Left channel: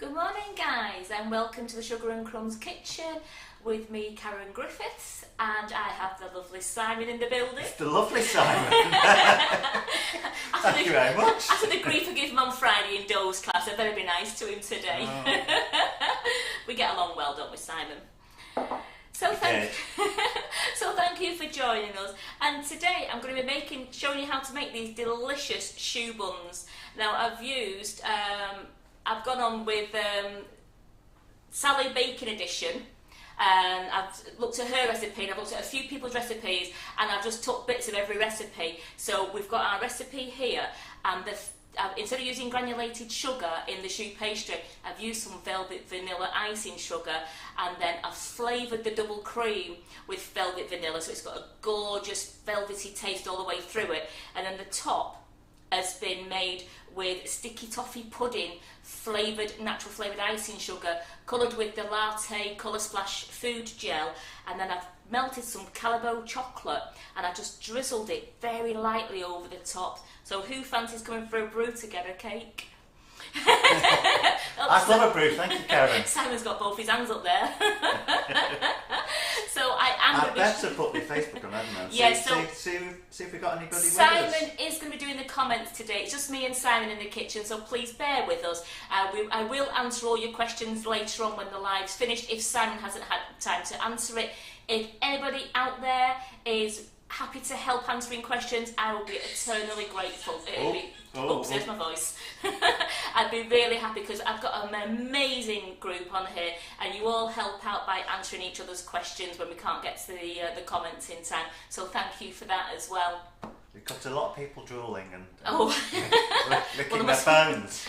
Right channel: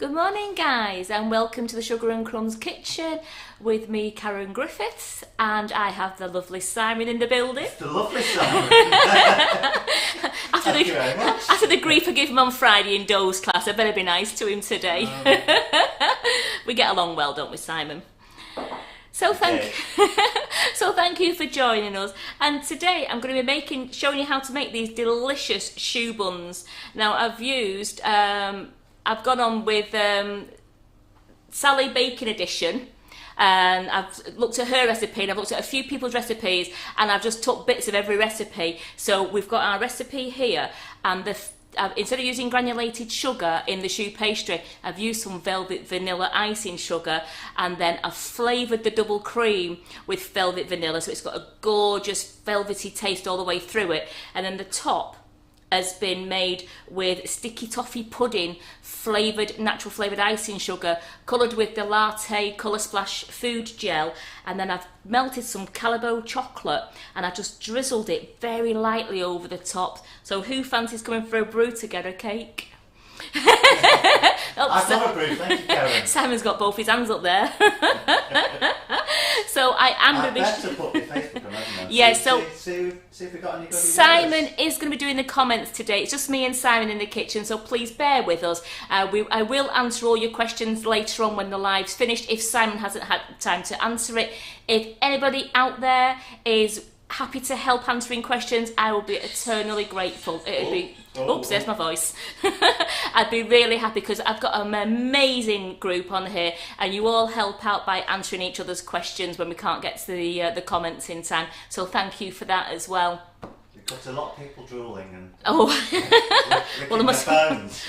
Good morning guys and welcome to the Sugar and Crumbs kitchen with me, Karen Griffiths, and I have the lovely Simon in the building. It's the lovely Simon. Thank you very much. After the grief I gave him on Friday in Doe's class, I better be nice to him today. We get along well, don't we, Simon? So thank you for joining us. And today I'm going to be showing you how to make these delicious choux buns. Now I've gone on with Sally Bacon Edition, and I've looked at her recipe and I've looked at a few people's recipes and I've just took bits of every recipe. So we've got our recipe here, and instead of using granulated sugar in the choux pastry, I've used some velvet vanilla icing sugar, and then I've flavoured the double cream with velvet vanilla, so it's got a gorgeous velvety taste all the way through it. And then the top has been made with sticky toffee pudding, natural flavoured icing sugar, coloured with the latte colour splash food gel, and then I've melted some Calibo chocolate and I just drizzled it very lightly over the top. So who fancies coming for a brew to get a cake? I've got a brew, thank you, Karen. Simon's got both his hands up there. So I am going to be... I've put my Facebook on, haven't I? Yeah, see if we've got anybody Simon is going to be doing the comments today. It's just me and Simon in the kitchen, so please bear with us. I will answer all your questions later on when the live's finished, if Simon hasn't had time to answer it. If anybody out there is happy to help answering questions, I will be eternally grateful. Oops, there's my voice. I'd be really happy because I've got an amazing group on here and you all help out by answering each other's questions when we can't get to the comments in time. So thank you for that as well. Because a lot of people drooling and well, their phones.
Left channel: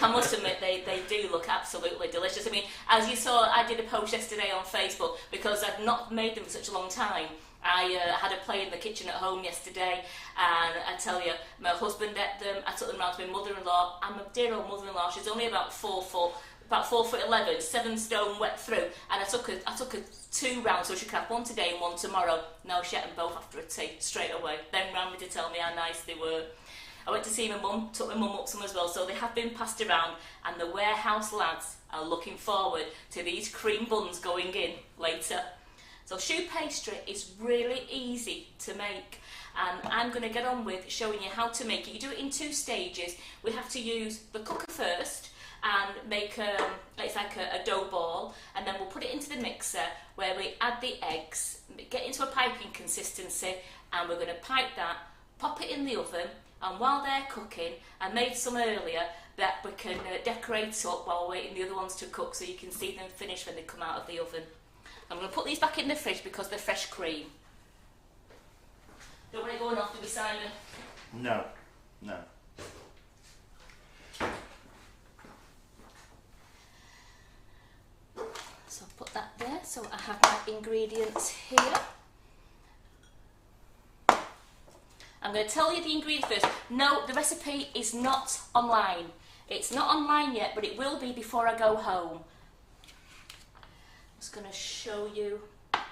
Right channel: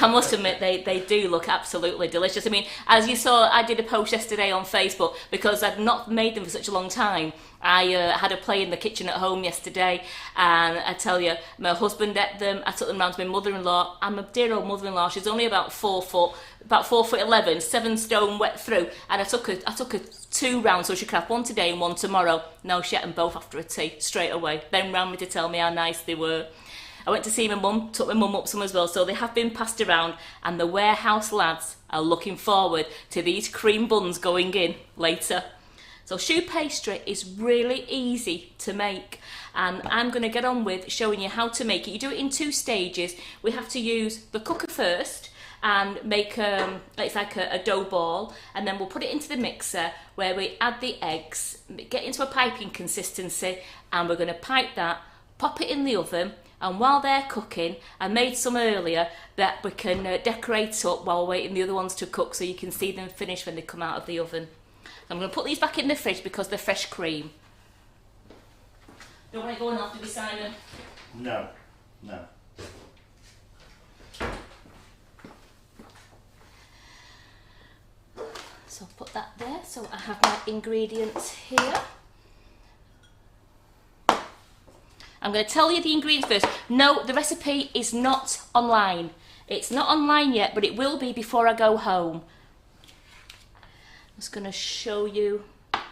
I must admit they do look absolutely delicious. I mean, as you saw, I did a post yesterday on Facebook because I'd not made them for such a long time. I had a play in the kitchen at home yesterday, and I tell you, my husband ate them. I took them round to my mother-in-law, and my dear old mother-in-law, she's only about 4 foot, about 4'11", 7 stone wet through, and I took her 2 rounds so she could have one today and one tomorrow. No, she ate them both after a tea straight away. Then ran me to tell me how nice they were. I went to see my mum, took my mum up some as well, so they have been passed around, and the warehouse lads are looking forward to these cream buns going in later. So choux pastry is really easy to make, and I'm going to get on with showing you how to make it. You do it in 2 stages. We have to use the cooker first and make it's like a dough ball, and then we'll put it into the mixer where we add the eggs, get into a piping consistency, and we're going to pipe that, pop it in the oven, and while they're cooking, I made some earlier that we can decorate up while waiting the other ones to cook so you can see them finish when they come out of the oven. I'm going to put these back in the fridge because they're fresh cream. Don't want it going off, do we, Simon? No. So I'll put that there. So I have my ingredients here. I'm going to tell you the ingredients first. No, the recipe is not online. It's not online yet, but it will be before I go home. I'm just going to show you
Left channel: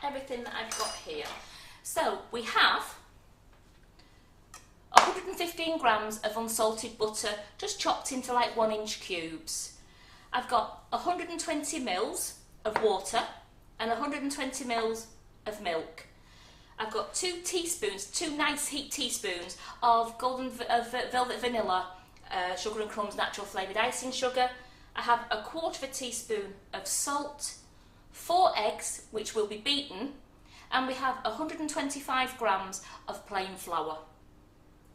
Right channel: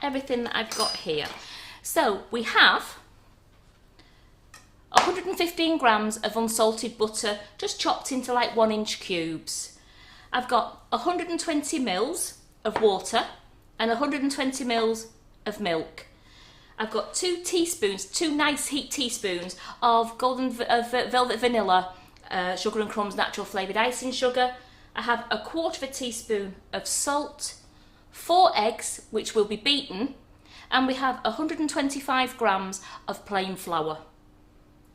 everything that I've got here. So we have 115 grams of unsalted butter, just chopped into like 1-inch cubes. I've got 120 mils of water and 120 mils of milk. I've got 2 teaspoons, 2 nice heat teaspoons of velvet vanilla, Sugar and Crumbs natural flavoured icing sugar. I have 1/4 teaspoon of salt, 4 eggs, which will be beaten, and we have 125 grams of plain flour.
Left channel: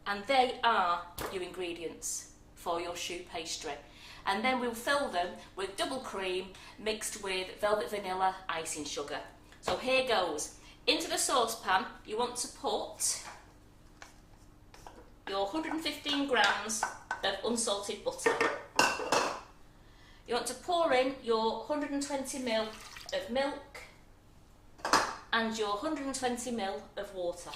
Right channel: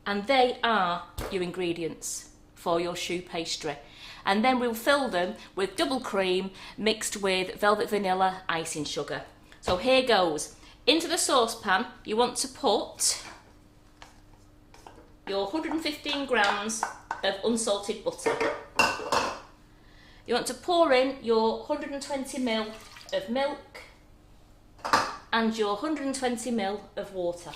And they are your ingredients for your choux pastry. And then we'll fill them with double cream mixed with velvet vanilla icing sugar. So here goes. Into the saucepan, you want to put your 115 grams of unsalted butter. You want to pour in your 120 ml of milk and your 120 ml of water.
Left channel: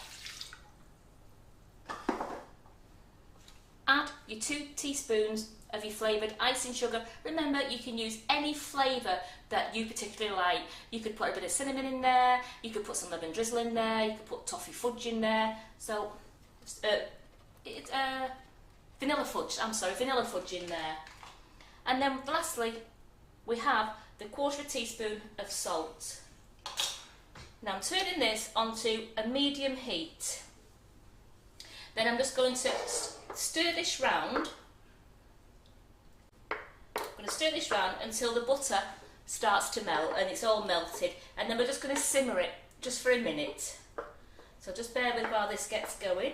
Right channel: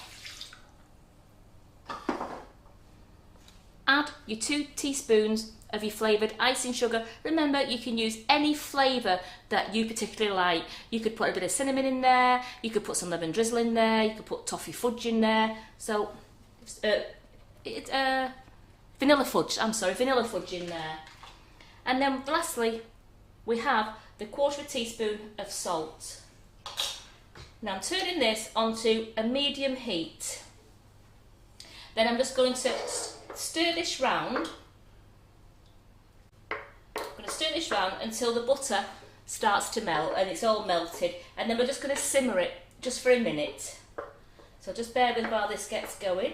Add your 2 teaspoons of your flavoured icing sugar. Remember, you can use any flavour that you particularly like. You could put a bit of cinnamon in there, you could put some lemon drizzle in there, you could put toffee fudge in there. So, vanilla fudge in there. And then lastly, we have the 1/4 teaspoon of salt. Now I'm turning this onto a medium heat. Then I'm just going to stir this round. I'm going to stir this round until the butter starts to melt and it's all melted. And then we're just going to simmer it just for a minute. So just bear with while this gets going.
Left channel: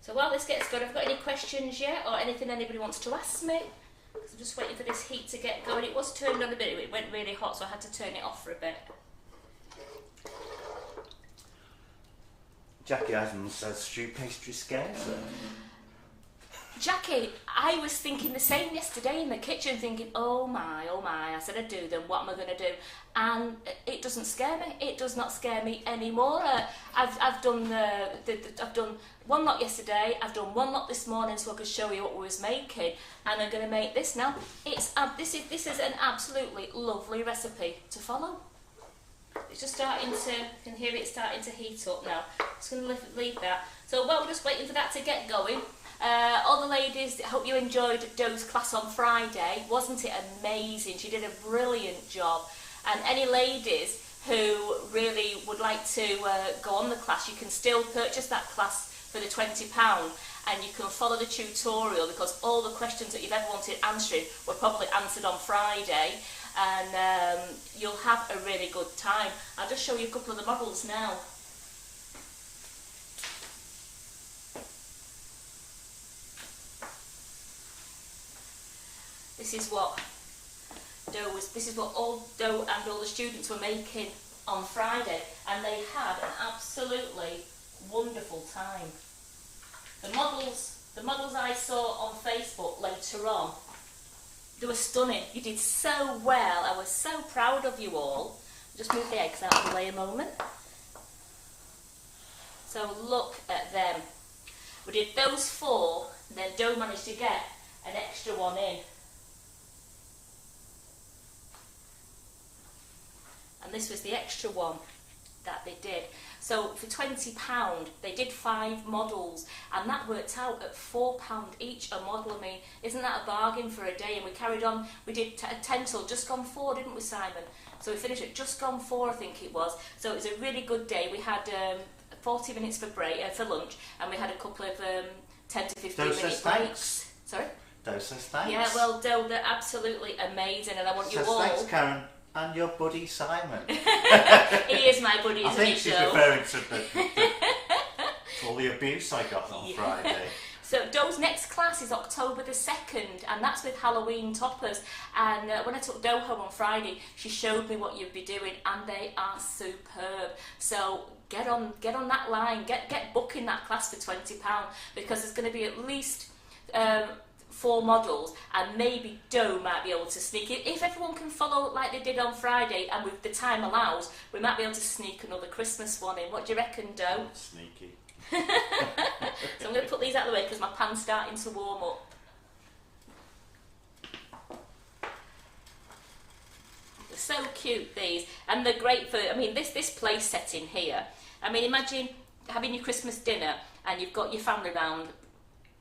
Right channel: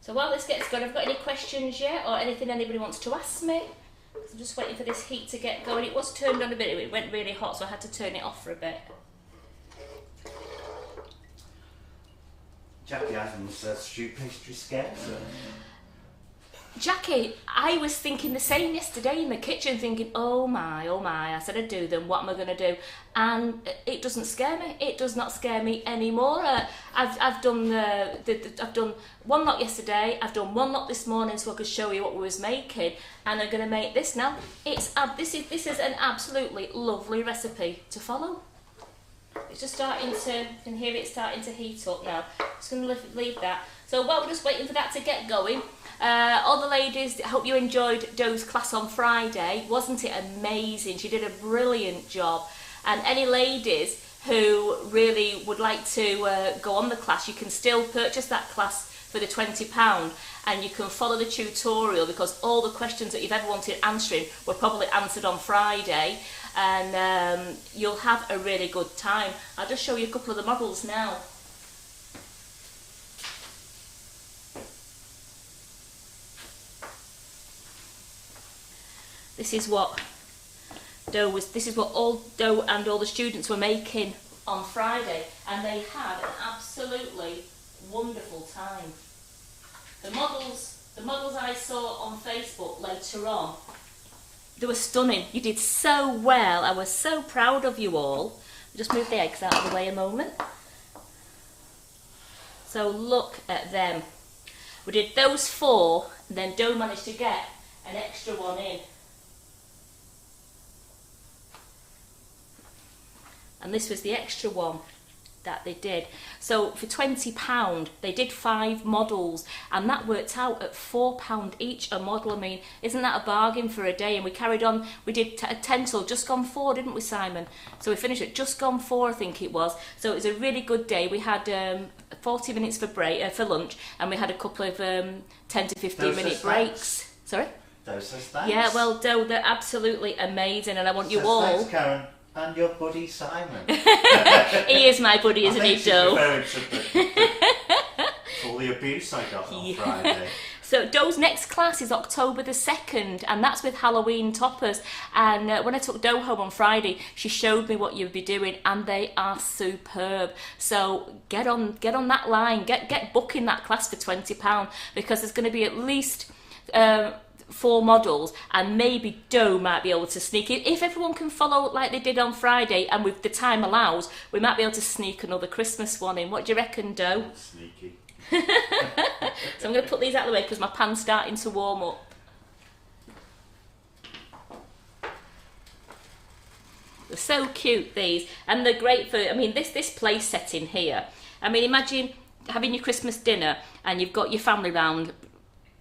So while this gets going, have I got any questions yet or anything anybody wants to ask me? I'm just waiting for this heat to get going. It was turned on a bit, it went really hot, so I had to turn it off for a bit. Jackie Adams says stew pastry scares her. Jackie, I was thinking the same yesterday in the kitchen, thinking, oh my, I said I'd do them, what am I going to do? And it doesn't scare me, it does not scare me anymore. I've done I've done one lot yesterday, I've done one lot this morning so I could show you what we was making, and I'm going to make this now. This is an absolutely lovely recipe to follow. It's just starting to, you can hear it starting to heat up now. Just going to leave that. So while we're just waiting for that to get going, all the ladies, I hope you enjoyed Do's class on Friday. Wasn't it amazing? She did a brilliant job. And any ladies who really would like to go on the class, you can still purchase that class for the £20 and you can follow the tutorial, because all the questions that you've ever wanted answering were probably answered on Friday, and you'll have a really good time. I'll just show you a couple of the models now. This is what all Do and all the students were making on Friday, and they had an absolutely wonderful time. The models I saw on Facebook later on, they were stunning. You did so well. I was so proud of you all. Just move the eggs out of the way a moment. So look at them. We did those 4, and then Do managed to get an extra one in. And this was the extra one that they did. So for £20 they did 5 models, and that worked out at £4 each a model. I mean, isn't that a bargain for a day? And we carried on, we did 10 till just gone 4, didn't we, Simon? So we finished at just gone 4, I think it was. So it was a really good day. We had 40 minutes for lunch, and we had a couple of 10 to 15 minute breaks. Sorry? Those says thanks. Yeah, well, Do, they're absolutely amazing, and I want you Says all... Thanks, Karen. And your buddy Simon. He is my buddy, isn't he, Do? I think she's referring to all the abuse I got on Friday. So Do's next class is October the 2nd, and that's with Halloween toppers. And when I took Do home on Friday, she showed me what you'd be doing, and they are superb. So get on that line, get booking that class for £20, because there's going to be at least 4 models, and maybe Do might be able to sneak it. If everyone can follow like they did on Friday, and with the time allows, we might be able to sneak another Christmas one in. What do you reckon, Do? Sneaky. So I'm going to put these out of the way because my pan's starting to warm up. They're so cute, these, and they're great for, I mean, this place setting here. I mean, imagine having your Christmas dinner and you've got your family round,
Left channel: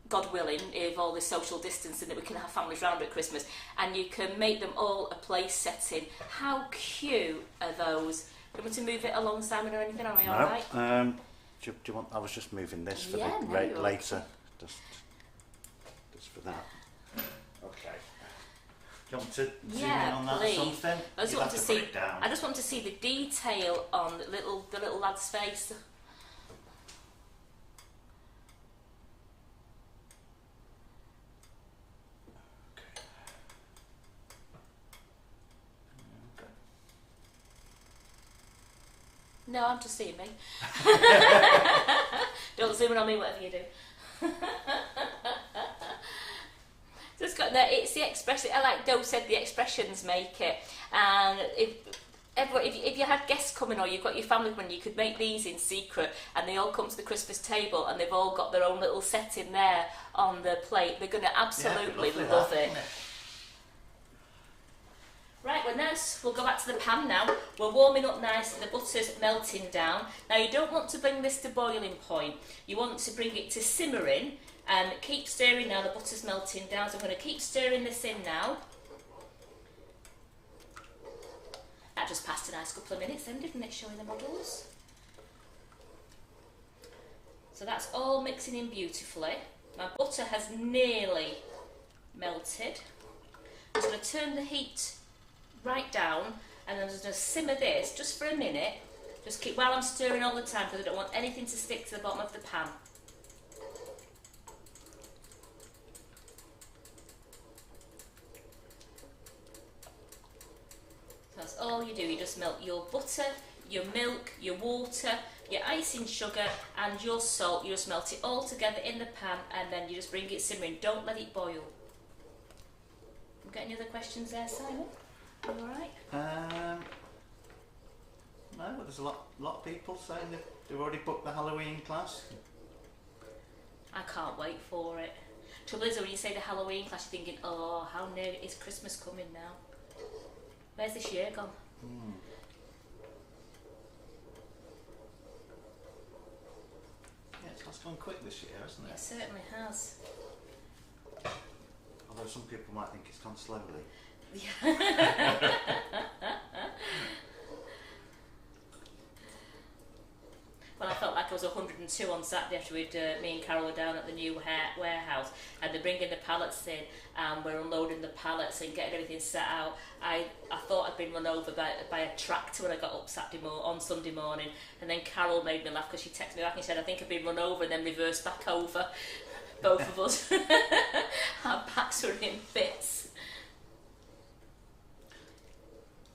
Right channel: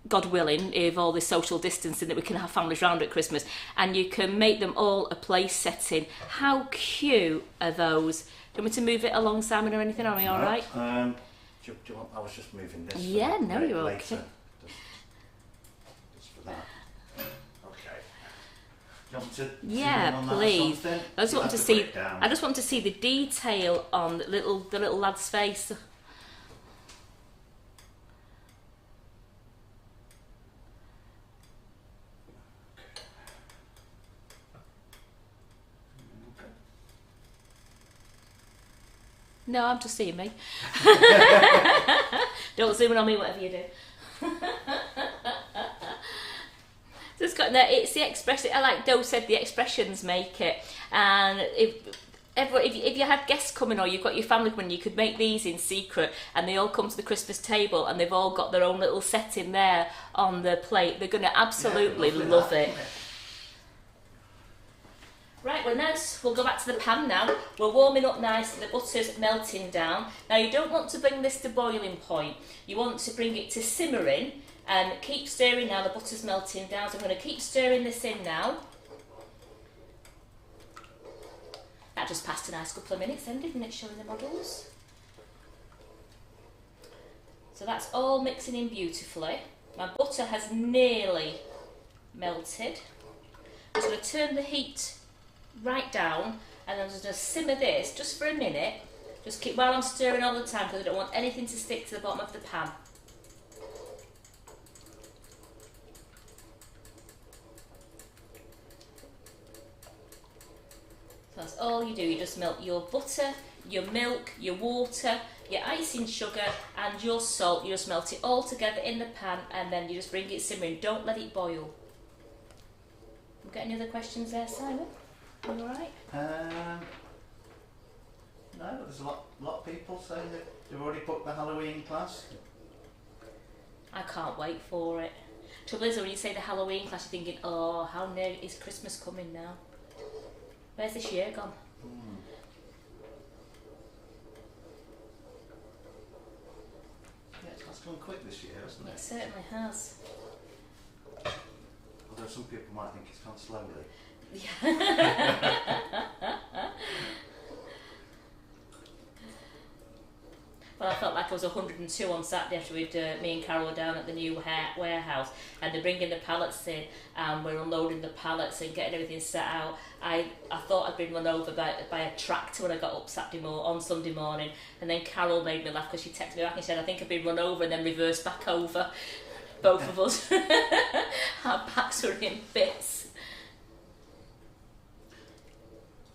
God willing, if all this social distancing that we can have families round at Christmas, and you can make them all a place setting. How cute are those? Do you want me to move it along, Simon, or anything? Are we all right? Do you want? I was just moving this. For yeah, the no, you're later. okay. Just for that. Okay. Do you want to zoom in Yeah, on please. That or something? I just You'll want have to put see. it down. I just want to see the detail on the little lad's face. No, I'm just seeing me. Don't zoom in on me, whatever you do. So it's the expression. Like Do said, the expressions make it. And if you had guests coming, or you've got your family coming, you could make these in secret, and they all come to the Christmas table, and they've all got their own little setting there on the plate. They're going to absolutely love it. Right, well, nice. We'll go back to the pan now. We're warming up nicely, the butter's melting down. Now, you don't want to bring this to boiling point. You want to bring it to simmering, And keep stirring now, the butter's melting down, so I'm going to keep stirring this in now. That just passed a nice couple of minutes then, didn't it, showing the models? So that's all mixing in beautifully. My butter has nearly melted. I'm just going to turn the heat right down, and I'm just going to simmer this just for a minute. Just keep while I'm stirring all the time, because I don't want anything to stick to the bottom of the pan. So that's all you do. You just melt your butter, your milk, your water, your icing sugar and your salt. You just melt it all together in the pan, and then you just bring it simmering. Don't let it boil. You got any other questions there, Simon? You alright? No, but there's a lot of people saying that they've already booked the Halloween class. I can't wait for it. Trouble is, when you say the Halloween class, you're thinking, oh, how near is Christmas coming now? Where's this year gone? Yeah, it's gone quick this year, hasn't it? It certainly has. Although some people might think it's gone slowly. Yeah. Well, I felt like I was 102 on Saturday after me and Carol were down at the new warehouse, and they're bringing the pallets in, and we're unloading the pallets and getting everything set out. I thought I'd been run over by a tractor when I got up on Sunday morning, and then Carol made me laugh because she texted me back and said, I think I've been run over, and then reversed back over, both of us. Our backs were in bits.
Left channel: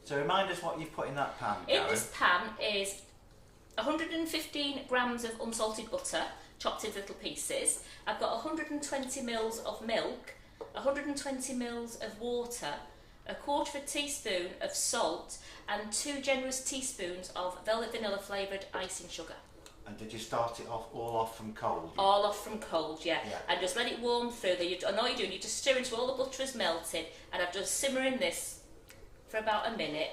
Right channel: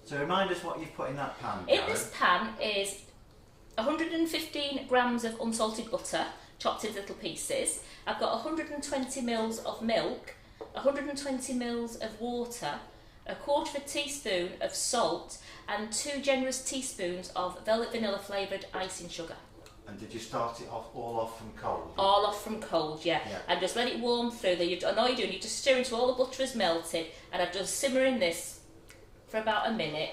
So remind us what you've put in that pan, In Karen. this pan is 115 grams of unsalted butter, chopped into little pieces. I've got 120 mils of milk, 120 mils of water, a quarter of a teaspoon of salt, and 2 generous teaspoons of velvet vanilla flavoured icing sugar. And did you start it all off from cold? All off from cold, yeah. And just let it warm through. And all you do, you just stir until all the butter is melted, and I've just simmering this for about a minute.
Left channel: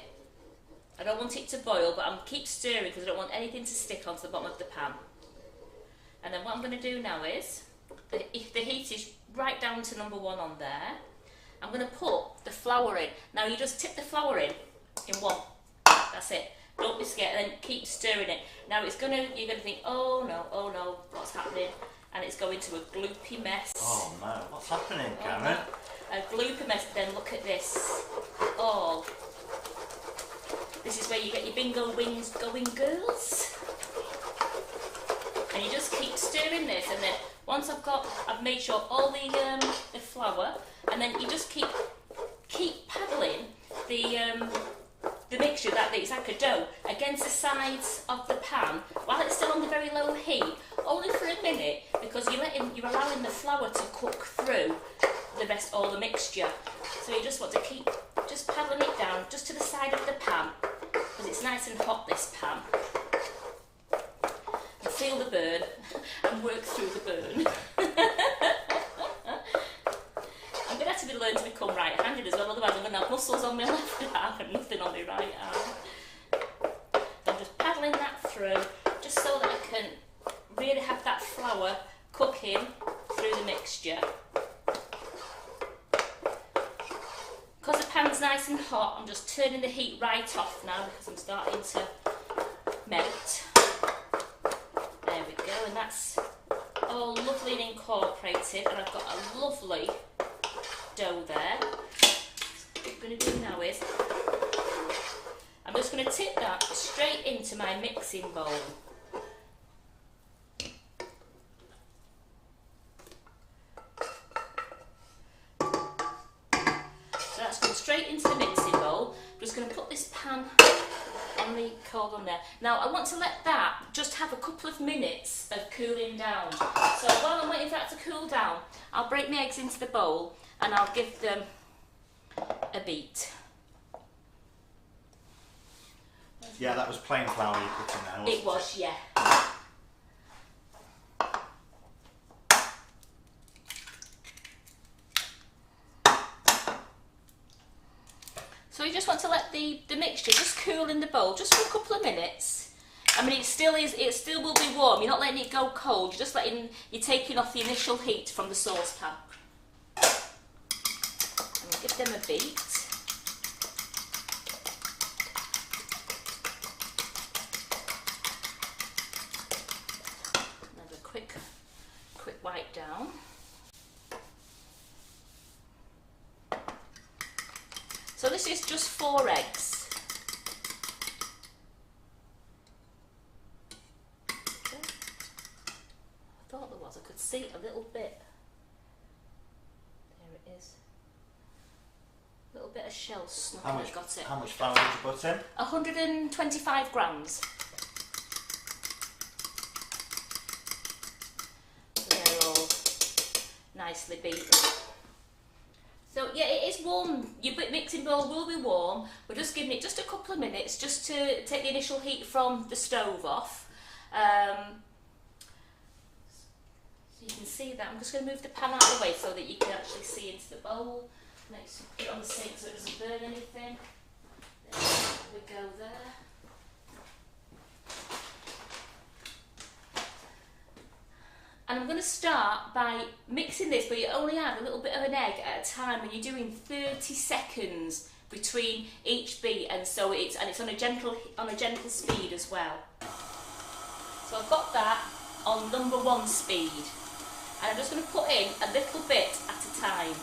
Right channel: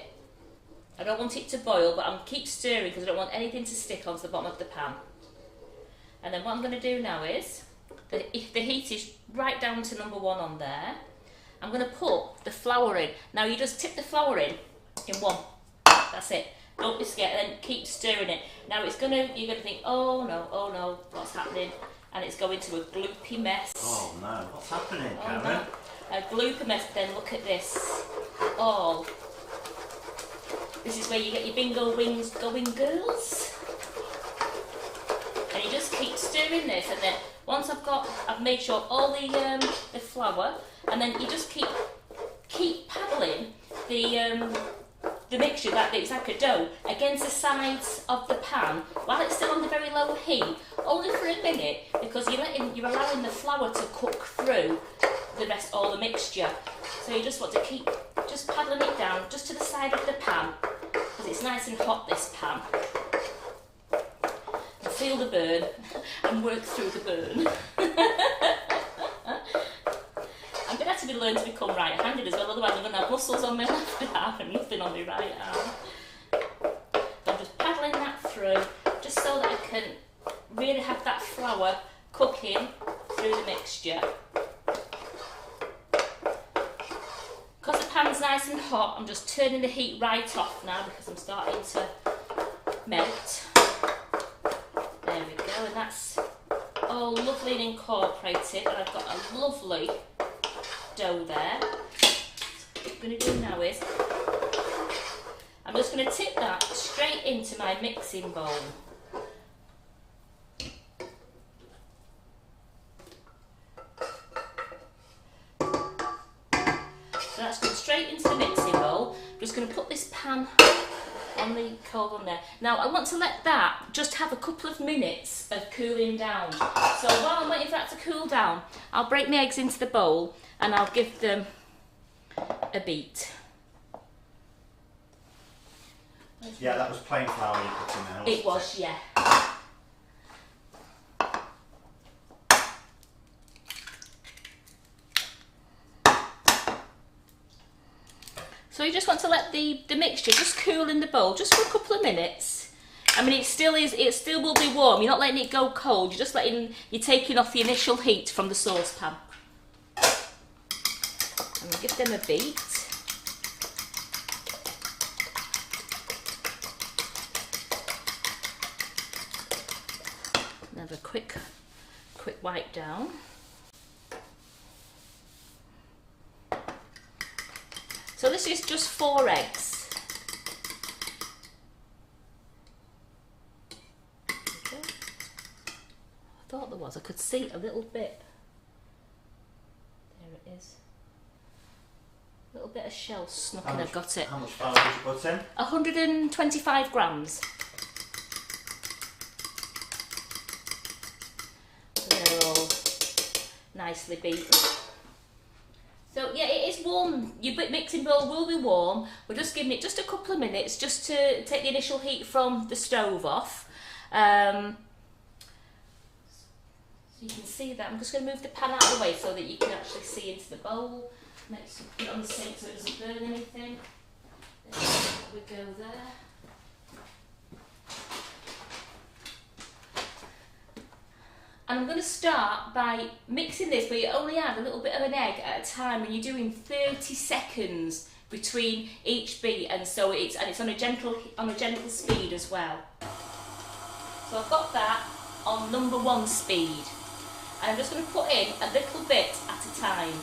I don't want it to boil, but I'm keep stirring because I don't want anything to stick onto the bottom of the pan. And then what I'm going to do now is, if the heat is right down to number 1 on there, I'm going to put the flour in. Now you just tip the flour in one. That's it. Don't be scared, and then keep stirring it. Now you're going to think, oh no, what's happening? And it's going to a gloopy mess. Oh no, what's happening, Karen? A gloopy mess. Then look at this. All. This is where you get your bingo wings going, girls. And you just keep stirring this, and then once I've made sure all the flour, and then you just keep paddling the mixture that it's like a dough against the sides of the pan while it's still on the very low heat, only for a minute, because you're allowing the flour to cook through all the mixture. So you just want to keep just paddling it down just to the side of the pan, because it's nice and hot, this pan. And feel the burn and work through the burn. I'm going to have to learn to become right-handed as well, otherwise I'm going to have muscles on my left arm and nothing on my right arm. So I'm just paddling that through, just so that I can really have that flour cooking through the mixture. Because the pan's nice and hot, I'm just turning the heat right off now because I'm starting to melt. There we go, and that's all lovely and incorporated, and I've got a lovely dough there. So what I'm going to do now is, I'm just going to tip that straight into my mixing bowl. So that's going straight into the mixing bowl. I'm just going to put this pan on the cold on there. Now I want to let that just have a couple of minutes of cooling down. So while I'm waiting for that to cool down, I'll break my eggs into the bowl and I'll give them a beat. Yeah, that was plain flour you put in there, wasn't it? It was, yeah. So you just want to let the mixture just cool in the bowl just for a couple of minutes, I mean, it still will be warm. You're not letting it go cold. You're taking off the initial heat from the saucepan. And give them a beat. And have a quick wipe down. So this is just 4 eggs. Okay. I thought there was. I could see a little bit. There it is. A little bit of shell snuck in. I've got it. How much flour did you put in? 125 grams. So they're all nicely beaten. So yeah, it is warm. Your mixing bowl will be warm. We're just giving it just a couple of minutes just to take the initial heat from the stove off. So you can see that. I'm just going to move the pan out of the way so that you can actually see into the bowl. Next, put it on the sink so it doesn't burn anything. There we go there. And I'm going to start by mixing this, but you only add a little bit of an egg at a time when you're doing 30 seconds between each beat, and so it's on a gentle speed as well. So I've got that on number 1 speed, and I'm just going to put in a little bit at a time.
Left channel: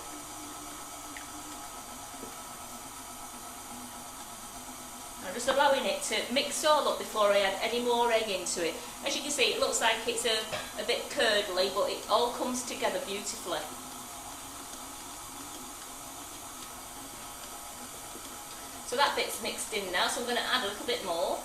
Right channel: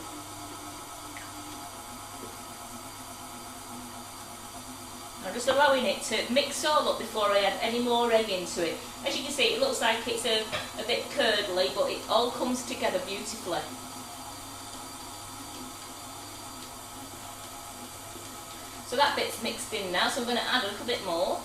I'm just allowing it to mix all up before I add any more egg into it. As you can see, it looks like it's a bit curdly, but it all comes together beautifully. So that bit's mixed in now, so I'm going to add a little bit more.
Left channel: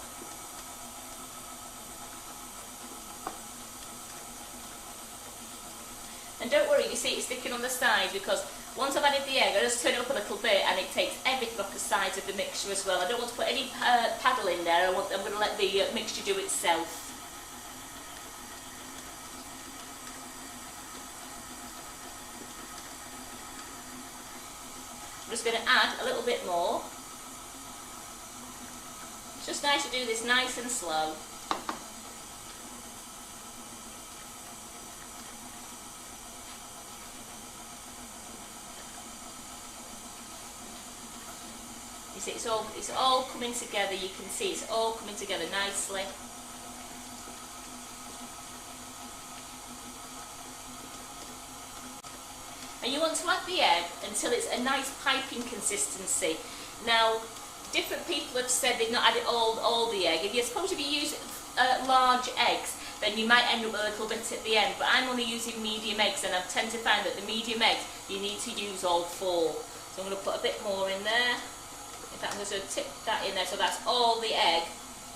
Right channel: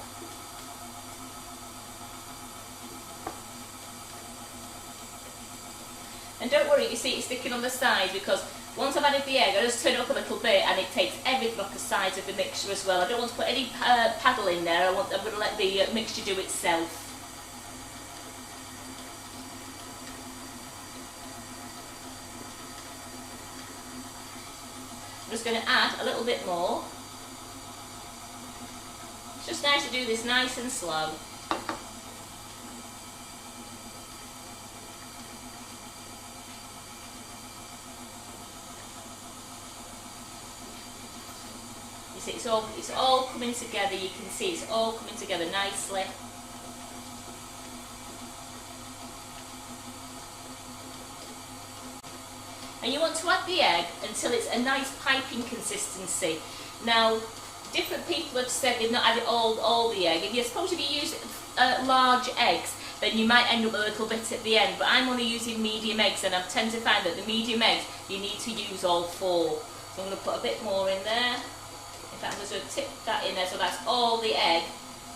And don't worry, you see it's sticking on the sides, because once I've added the egg, I just turn it up a little bit and it takes everything off the sides of the mixture as well. I don't want to put any paddle in there. I'm going to let the mixture do itself. I'm just going to add a little bit more. It's just nice to do this nice and slow. See, it's all coming together. You can see it's all coming together nicely. And you want to add the egg until it's a nice piping consistency. Now, different people have said they've not added all the egg. If you're supposed to be using large eggs, then you might end up with a little bit at the end. But I'm only using medium eggs, and I tend to find that the medium eggs you need to use all 4. So I'm going to put a bit more in there. I'm just going to tip that in there, so that's all the egg.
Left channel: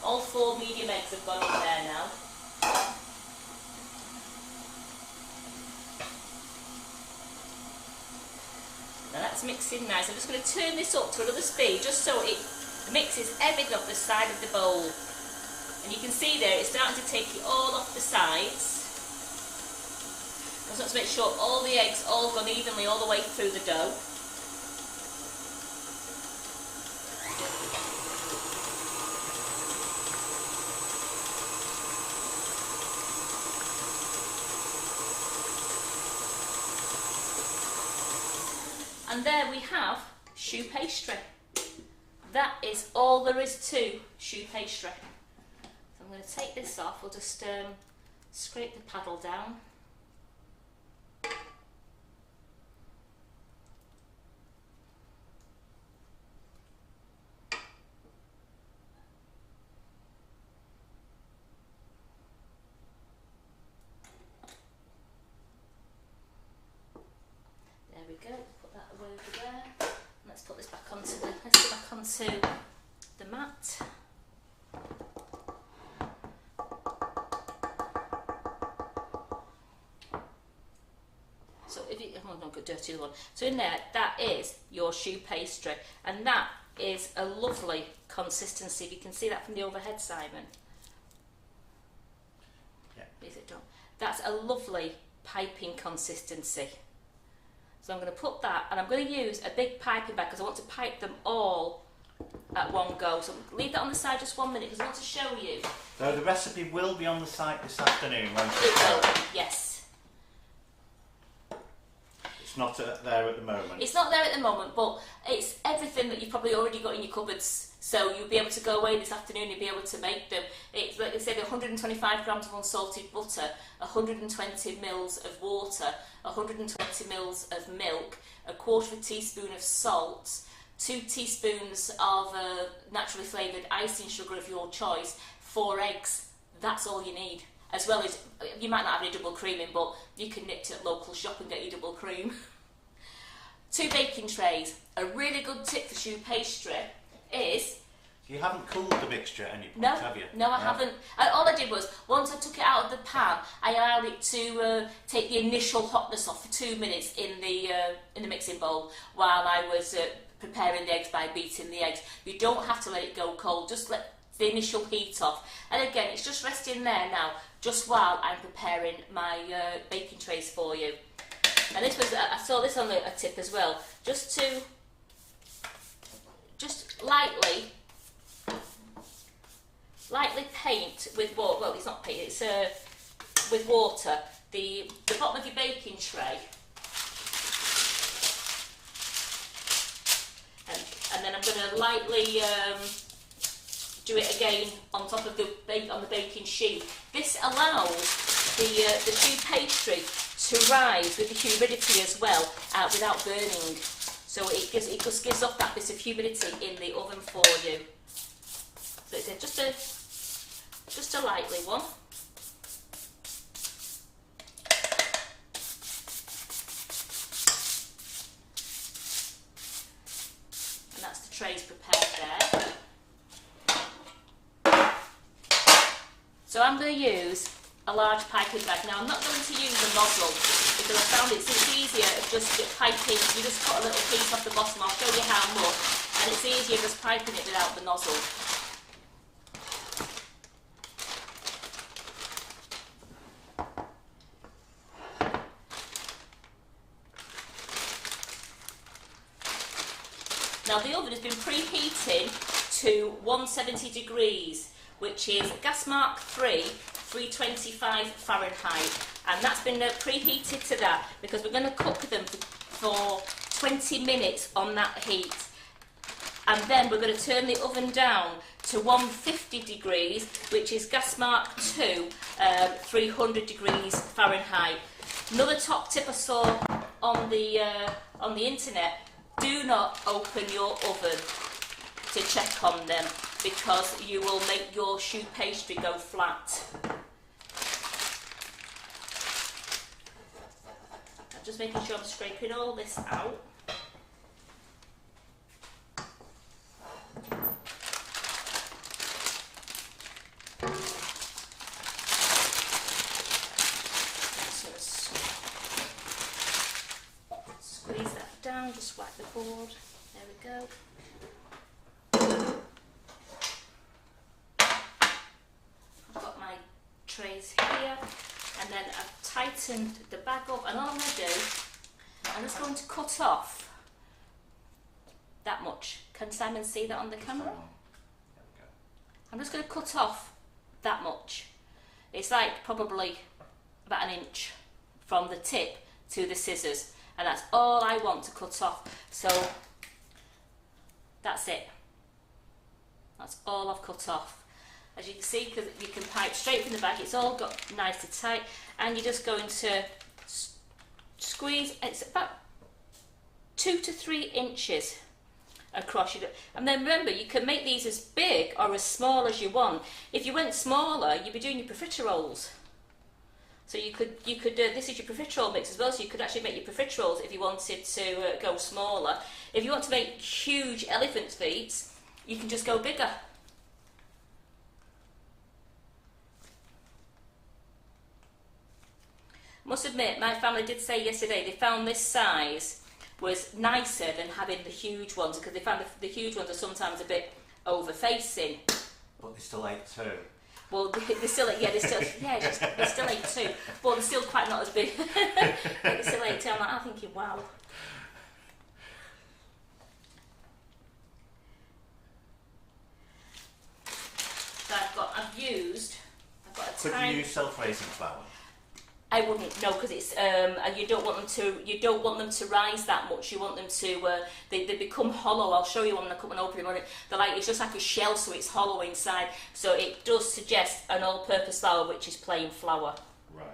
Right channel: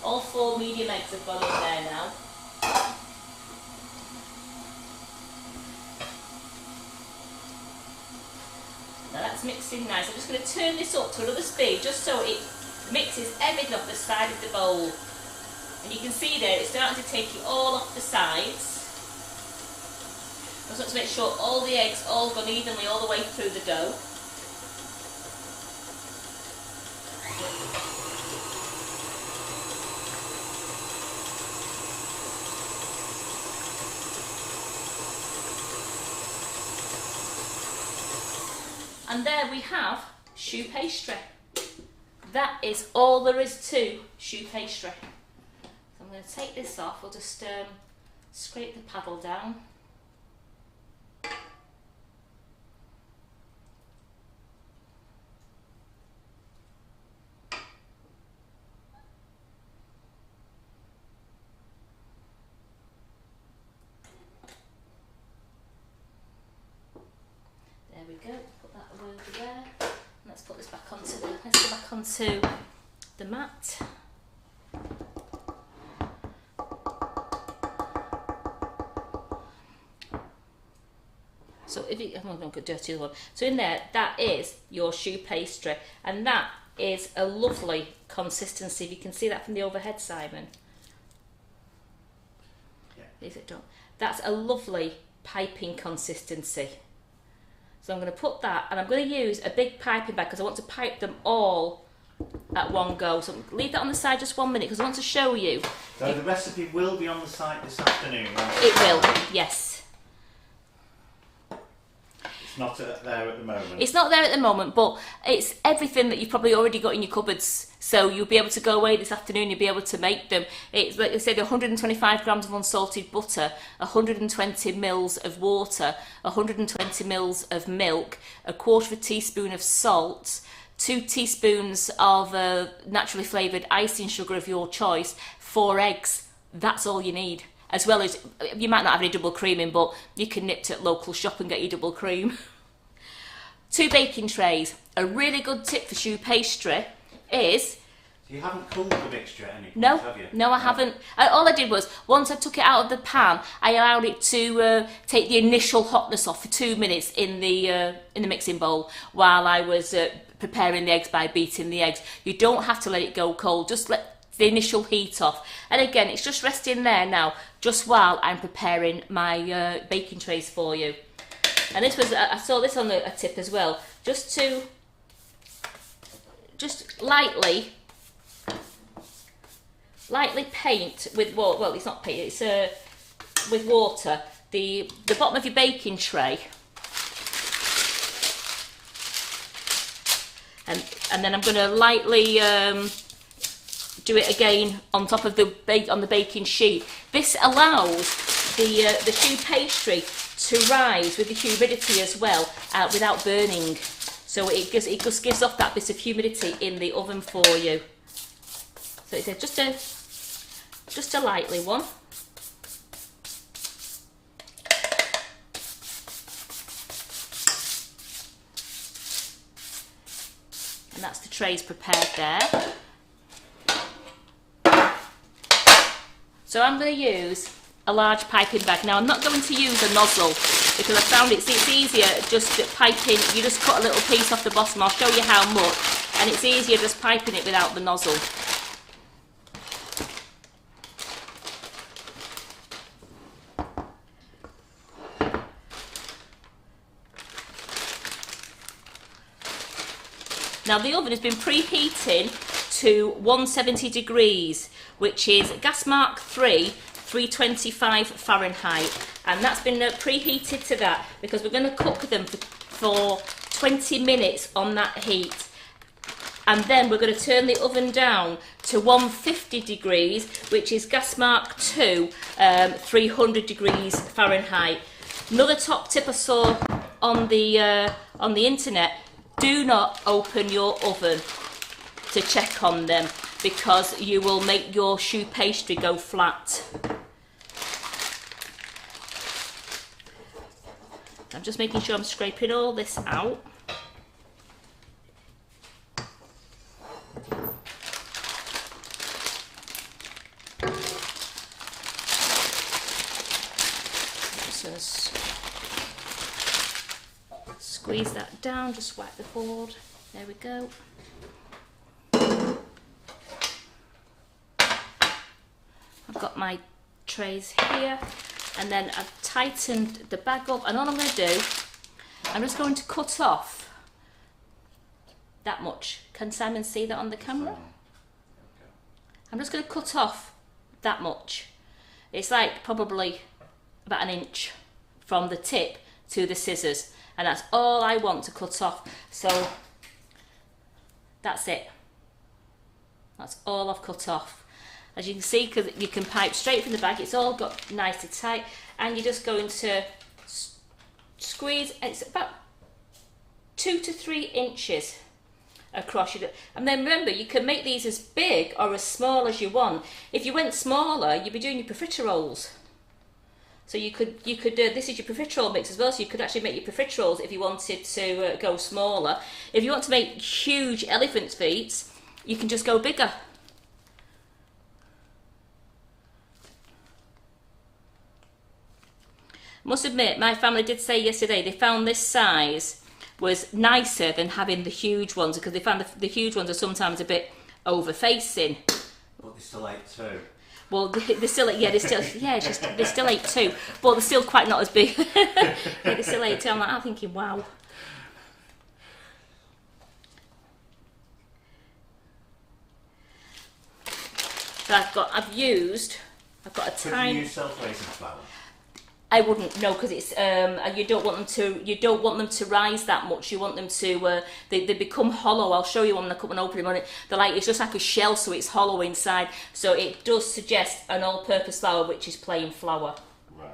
All 4 medium eggs have gone in there now. Now that's mixing nice. I'm just going to turn this up to another speed just so it mixes everything off the side of the bowl. And you can see there it's starting to take it all off the sides. I just want to make sure all the eggs all gone evenly all the way through the dough. And there we have choux pastry. That is all there is to choux pastry. So I'm going to take this off. We'll just scrape the paddle down. There we go. Put that over there. Let's put this back onto the mat. So if it, oh no, got dirty one. So in there, that is your choux pastry, and that is a lovely consistency. If you can see that from the overhead, Simon. Yeah. Is it done? That's a lovely piping consistency. So I'm going to put that, and I'm going to use a big piping bag because I want to pipe them all at one go. So leave that on the side just 1 minute because I want to show you. So the recipe will be on the site this afternoon. It will, yes. It's not there at the moment. It's not there at the moment, but it's everything that you've probably already got in your cupboards. So you'll be able to go away this afternoon, you'll be able to make them. It's like I said, 125 grams of unsalted butter, 120 mils of water, 120 mils of milk, a quarter of a teaspoon of salt, 2 teaspoons of naturally flavoured icing sugar of your choice, 4 eggs. That's all you need. As well as, you might not have any double creaming, but you can nip to local shop and get your double cream. 2 baking trays. A really good tip for choux pastry is... You haven't cooled the mixture at any point, No, have you? no, I haven't. All I did was, once I took it out of the pan, I allowed it to take the initial hotness off for 2 minutes in the mixing bowl while I was preparing the eggs by beating the eggs. You don't have to let it go cold, just let the initial heat off. And again, it's just resting there now, just while I'm preparing my baking trays for you. And this was, I saw this on a tip as well, just lightly paint with water. Well, it's not paint, it's with water the bottom of your baking tray, and then I'm going to lightly do it again on top of the baking sheet. This allows the choux pastry to rise with the humidity as well, without burning. So it just gives off that bit of humidity in the oven for you. So it's just a lightly one. And that's the trays prepared there. So I'm going to use a large piping bag. Now I'm not going to use a nozzle because I found it's easier just piping. You just cut a little piece off the bottom. I'll show you how much. And it's easier just piping it without the nozzle. Now the oven has been preheating to 170 degrees, which is gas mark 3, 325 Fahrenheit. And that's been preheated to that because we're going to cook them for 20 minutes on that heat. And then we're going to turn the oven down to 150 degrees, which is gas mark 2, 300 degrees Fahrenheit. Another top tip I saw on the internet: do not open your oven to check on them because you will make your choux pastry go flat. I'm just making sure I'm scraping all this out. Just squeeze that down, just wipe the board. There we go. I've got my trays here, and then I've tightened the bag up, and all I'm going to do, I'm just going to cut off that much. Can Simon see that on the camera? I'm just going to cut off that much. It's like probably about an inch from the tip to the scissors, and that's all I want to cut off. So that's it. That's all I've cut off. As you can see, because you can pipe straight from the bag, it's all got nicely tight, and you're just going to squeeze. It's about 2 to 3 inches across. And then remember, you can make these as big or as small as you want. If you went smaller, you'd be doing your profiteroles. So you could this is your profiterole mix as well, so you could actually make your profiteroles if you wanted to go smaller. If you want to make huge elephant feet, you can just go bigger. Must admit, my family did say yesterday they found this size was nicer than having the huge ones, because they found the huge ones are sometimes a bit over-facing. But they still ate too. Well, they're still, they're still 8 too, but they're still quite not as big. They're still 8 too. I'm thinking, wow. So I've got a Could tiny. you use self-raising flour? I wouldn't, no, because it's you don't want them to rise that much. You want them to they become hollow. I'll show you when I cut and open them on it. They're like, it's just like a shell, so it's hollow inside. So it does suggest an all-purpose flour, which is plain flour. Right.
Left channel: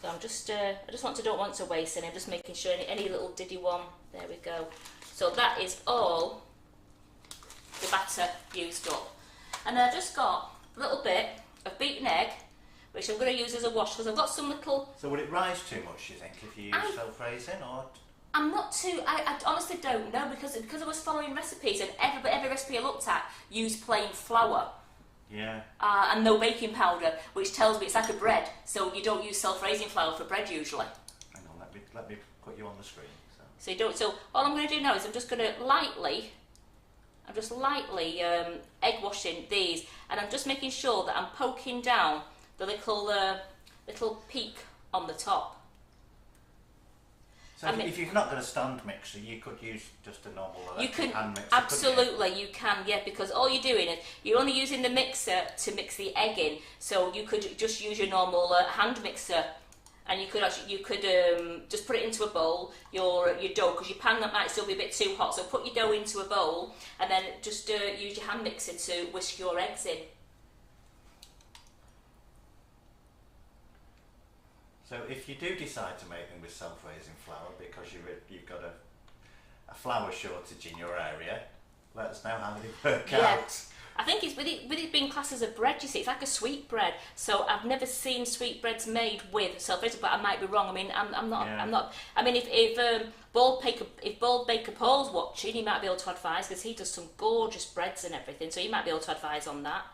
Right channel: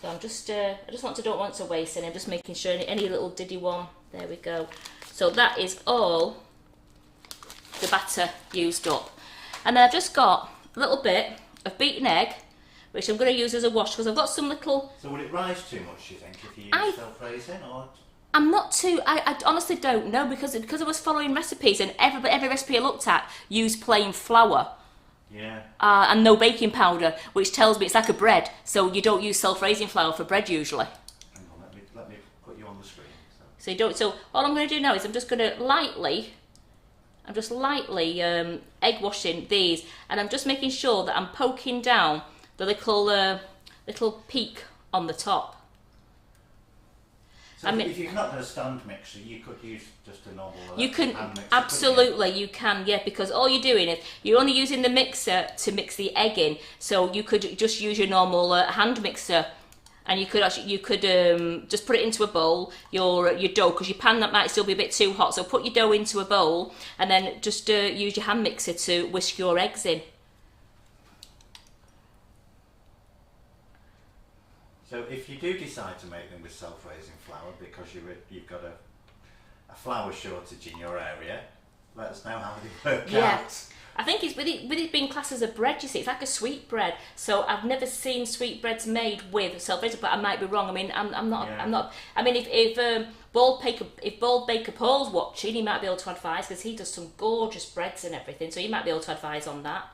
So I'm just don't want to waste any. I'm just making sure any little diddy one. There we go. So that is all the batter used up, and then I've just got a little bit of beaten egg, which I'm going to use as a wash because I've got some little. So would it rise too much, you think, if you use self-raising, or? I'm not too. I honestly don't know because I was following recipes and every recipe I looked at used plain flour. Yeah. And no baking powder, which tells me it's like a bread. So you don't use self-raising flour for bread usually. Hang on, let me put you on the screen. So you don't. So all I'm going to do now is I'm just lightly egg washing these, and I'm just making sure that I'm poking down the little peak on the top. So if you've not got a stand mixer, you could use just a normal you can hand mixer, absolutely you can, yeah, because all you're doing is you're only using the mixer to mix the egg in. So you could just use your normal hand mixer, and you could just put it into a bowl, your dough, because your pan that might still be a bit too hot. So put your dough into a bowl and then just use your hand mixer to whisk your eggs in. So if you do decide to make them with self-raising flour because you've got a flour shortage in your area, let us know how they work out. I think it's with it being classed as a bread, you see, it's like a sweet bread. So I've never seen sweet breads made with self-raising, but I might be wrong. I mean, I'm not. I mean, if Bald Baker Paul's watching, he might be able to advise because he does some gorgeous breads and everything. So he might be able to advise on that.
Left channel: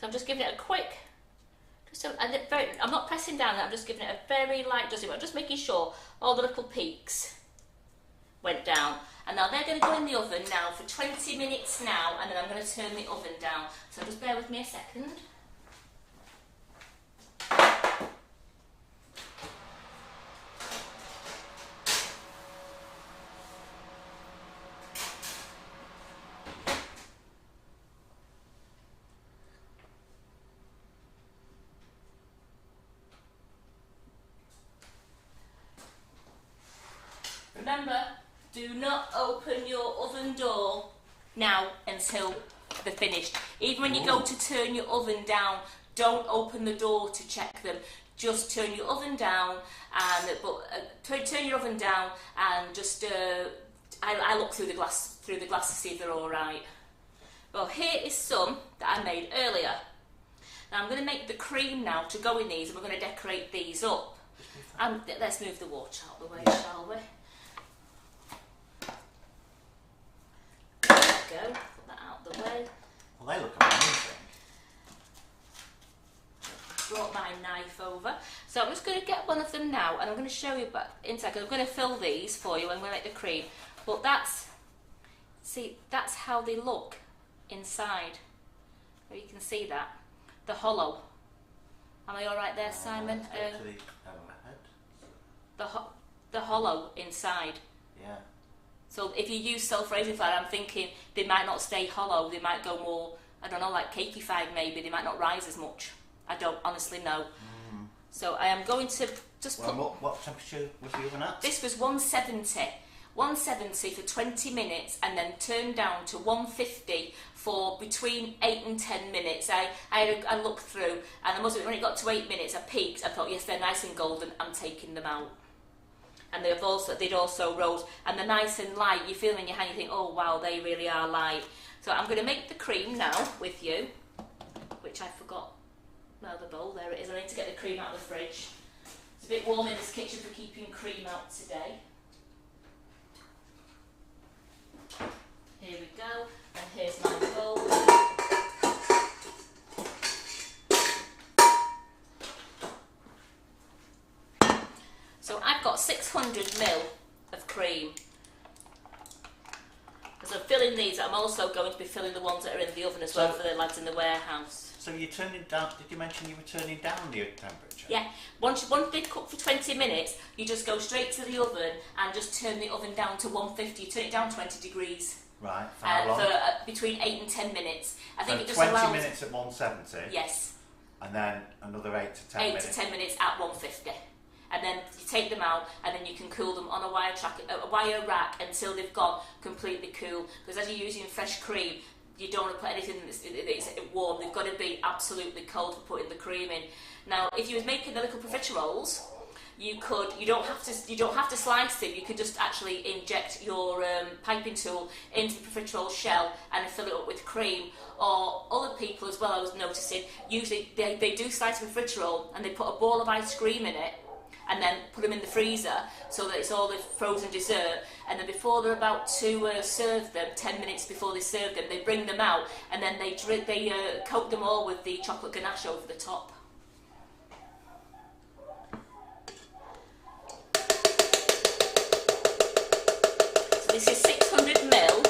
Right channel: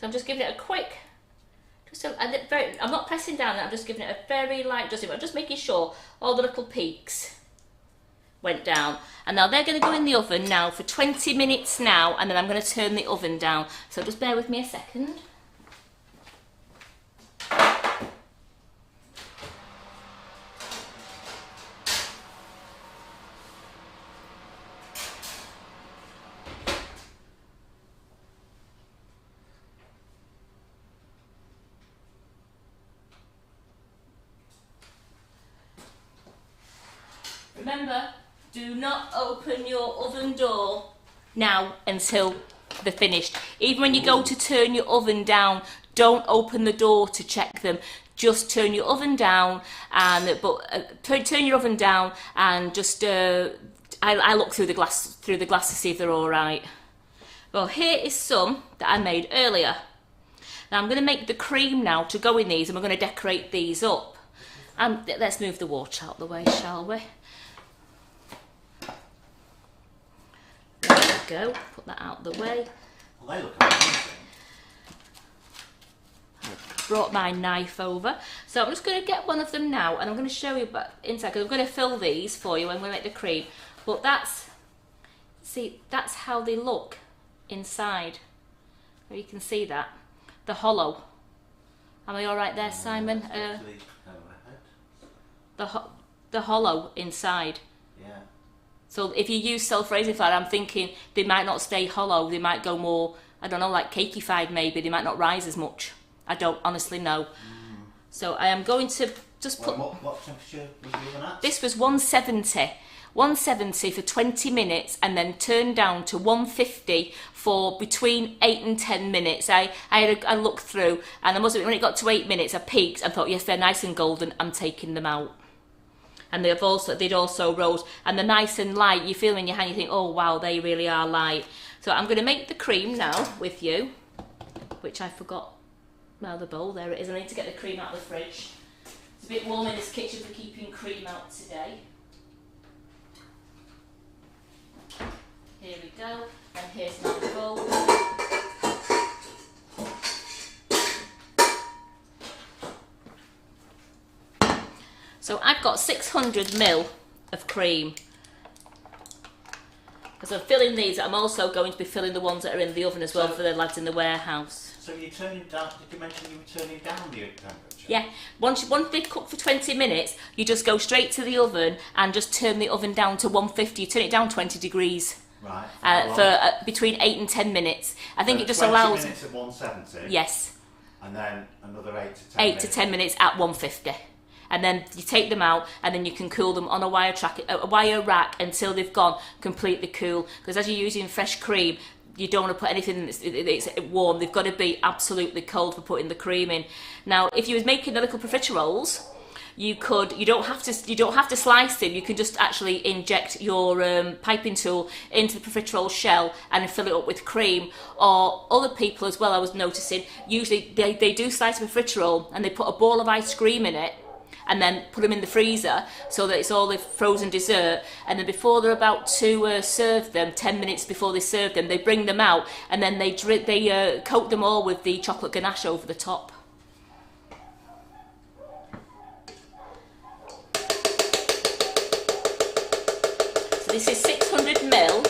So I'm just giving it a quick, I'm not pressing down it, I'm just giving it a very light dusting. I'm just making sure all the little peaks went down. And now they're going to go in the oven now for 20 minutes now, and then I'm going to turn the oven down. So just bear with me a second. Remember, do not open your oven door now until they're finished. Even when you go to turn your oven down, don't open the door to check them. Just turn your oven down, and turn your oven down, and just I look through the glass to see if they're all right. Well, here is some that I made earlier. Now I'm going to make the cream now to go in these, and we're going to decorate these up. Let's move the water out the way, shall we? There we go, put that out the way. Well, they look amazing. Brought my knife over. So I'm just going to get one of them now, and I'm going to show you inside, because I'm going to fill these for you when we make the cream. But that's how they look inside. You can see that. The hollow. Am I all right there, Simon? The hollow inside. Yeah. So if you use self-raising flour, I'm thinking they might not stay hollow. They might go more, I don't know, like cakey-fied maybe. They might not rise as much. I don't honestly know. So I am going to just put... What temperature was the oven at? This was 170. 170 for 20 minutes, and then turned down to 150 for between 8 and 10 minutes. I had a look through, and I must admit, when it got to 8 minutes, I peeked and thought, yes, they're nice and golden, I'm taking them out. And they'd also rose, and they're nice and light. You feel them in your hand, you think, oh wow, they really are light. So I'm going to make the cream now with you, which I forgot. Well, the bowl, there it is. I need to get the cream out of the fridge. It's a bit warm in this kitchen for keeping cream out today. Here we go, and here's my bowl. So I've got 600ml of cream. As I'm filling these, I'm also going to be filling the ones that are in the oven as well for the lads in the warehouse. So you're turning down, did you mention you were turning down the temperature? Yeah, once they cook for 20 minutes, you just go straight to the oven and just turn the oven down to 150. You turn it down 20 degrees. Right. For between 8 and 10 minutes. I think So it just 20 allows... minutes at 170? Yes. And then another 8 to 10 8 minutes? to 10 minutes at 150. And then you take them out, and then you can cool them on a wire rack until they've gone completely cool. Because as you're using fresh cream, you don't want to put anything that's warm. They've got to be absolutely cold for putting the cream in. Now, if you was making the little profiteroles, you don't have to slice them. You can just actually inject your piping tool into the profiterole shell and fill it up with cream. Or other people as well, I was noticing, usually they do slice a profiterole and they put a ball of ice cream in it and then put them in the freezer so that it's all the frozen dessert, and then before they're about to serve them, 10 minutes before they serve them, they bring them out and then they coat them all with the chocolate ganache over the top. So this is 600 ml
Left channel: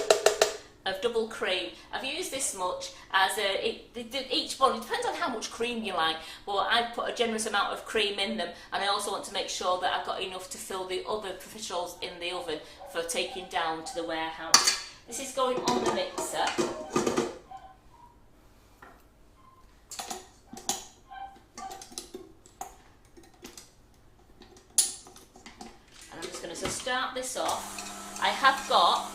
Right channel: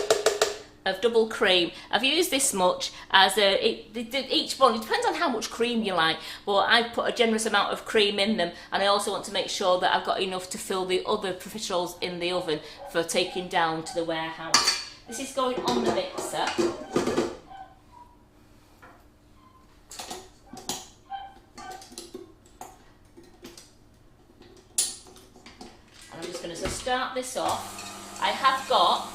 of double cream. I've used this much as each one, it depends on how much cream you like, but I've put a generous amount of cream in them, and I also want to make sure that I've got enough to fill the other profiteroles in the oven for taking down to the warehouse. This is going on the mixer. I'm just going to start this off. I have got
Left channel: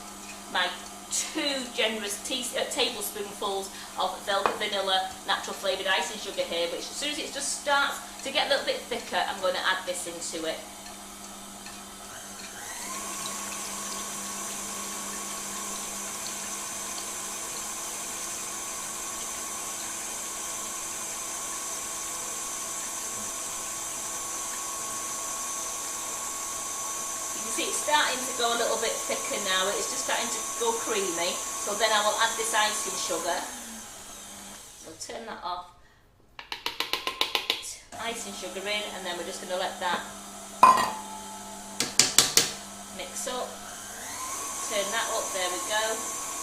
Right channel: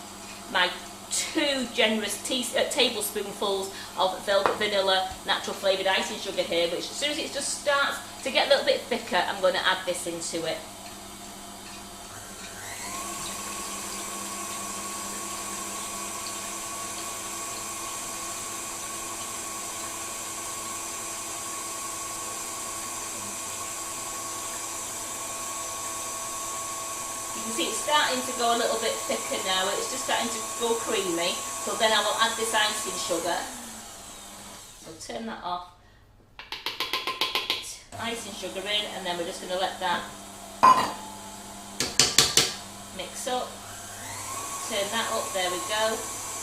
my 2 generous tablespoonfuls of velvet vanilla natural flavoured icing sugar here, which as soon as it just starts to get a little bit thicker, I'm going to add this into it. See, it's starting to go a little bit thicker now. It's just starting to go creamy. So then I will add this icing sugar. So turn that off. Icing sugar in, and then we're just going to let that mix up. Turn that up. There we go.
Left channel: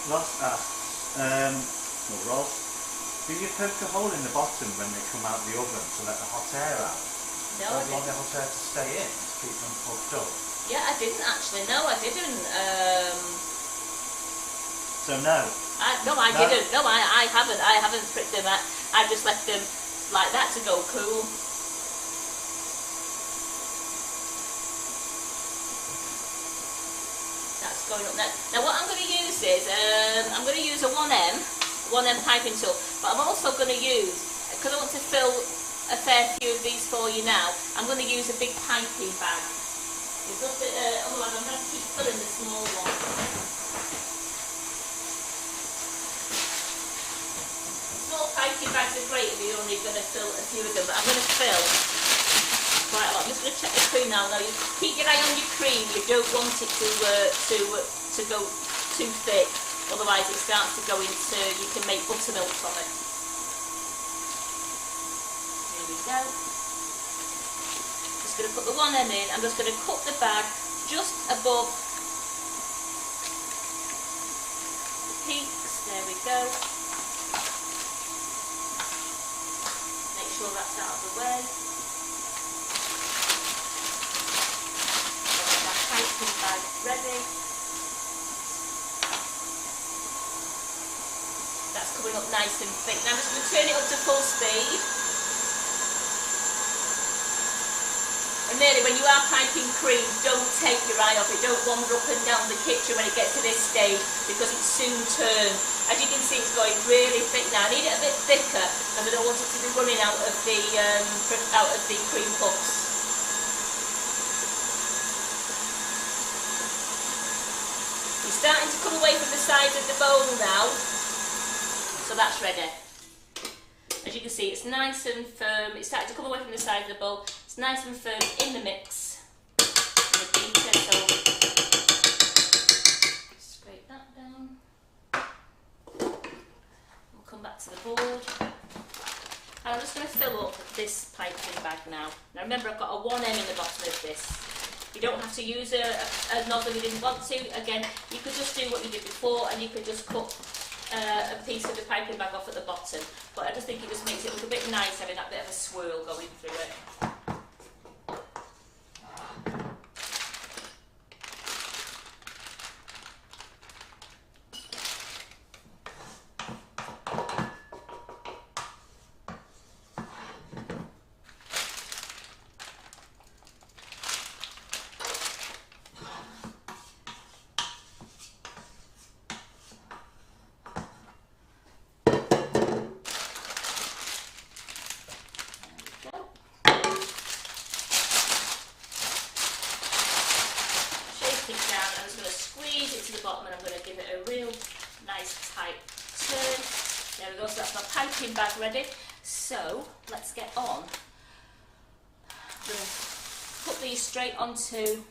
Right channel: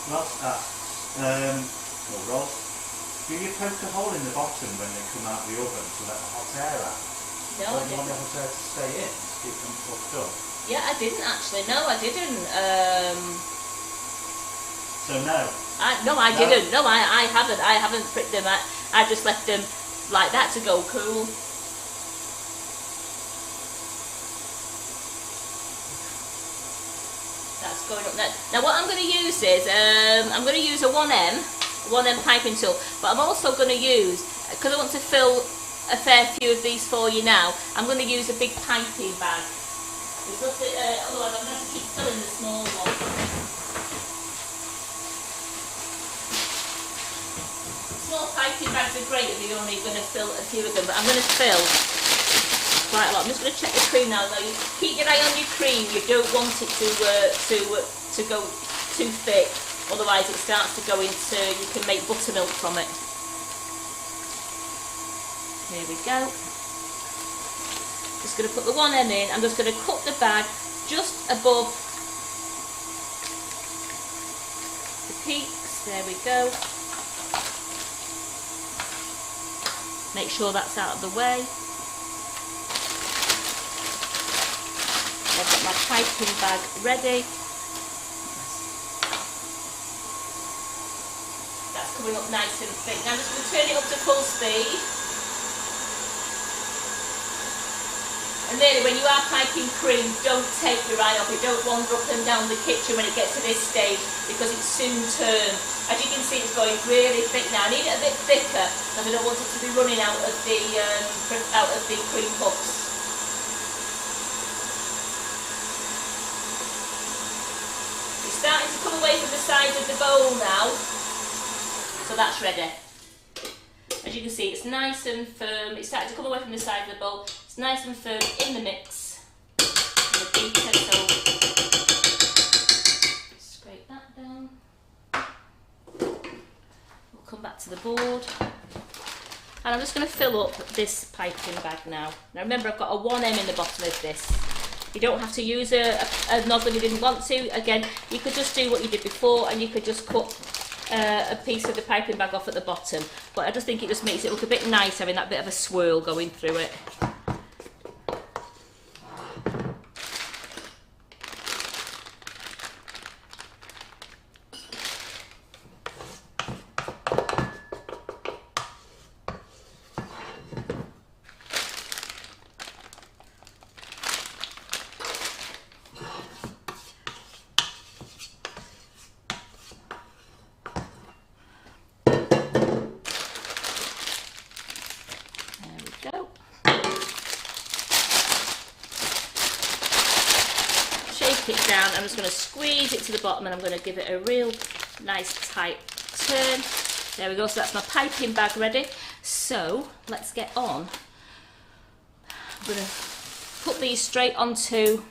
Ross asks, Ross, do you poke a hole in the bottom when they come out the oven to let the hot air out? No, Don't you want the hot air to stay in to keep them puffed up? Yeah, I didn't actually. No, I didn't. So no. I didn't. No, I haven't. I haven't pricked them. I just left them like that to go cool. That's going up there. Now what I'm going to use is I'm going to use a 1M piping tool, but I'm also going to use, because I want to fill a fair few of these for you now, I'm going to use a big piping bag. Otherwise I'm going to have to keep filling the small one. Small piping bags are great if you're only going to fill a few of them, but I'm going to fill quite a lot. I'm just going to check the cream now. Though, you keep your eye on your cream. You don't want it to go too thick, otherwise it starts to go into, you can make buttermilk from it. Here we go. Just going to put the 1M in. I'm just going to cut the bag just above the peaks. There we go. Make sure that's out of the way. I've got my piping bag ready. That's coming up nice and thick. Now I'm just going to turn it up to full speed. And really, when you are piping cream, don't take your eye off it. Don't wander up and down the kitchen when it gets to this stage, because it soon turns. As you can see, it's going really thick now. I need it a bit thicker, and I don't want it to be running out of the cream puffs. It's starting to come away from the sides of the bowl now, so that's ready. As you can see, it's nice and firm. It's starting to come away from the side of the bowl. It's nice and firm in the mix. Scrape that down. We'll come back to the board. And I'm just going to fill up this piping bag now. Now remember, I've got a 1M in the bottom of this. You don't have to use a nozzle if you didn't want to. Again, you could just do what you did before, and you could just cut a piece of the piping bag off at the bottom, but I just think it just makes it look a bit nice having that bit of a swirl going through it. down. I'm just going to squeeze it to the bottom and I'm going to give it a real nice tight turn. There we go, so that's my piping bag ready. So let's get on. I'm going to put these straight onto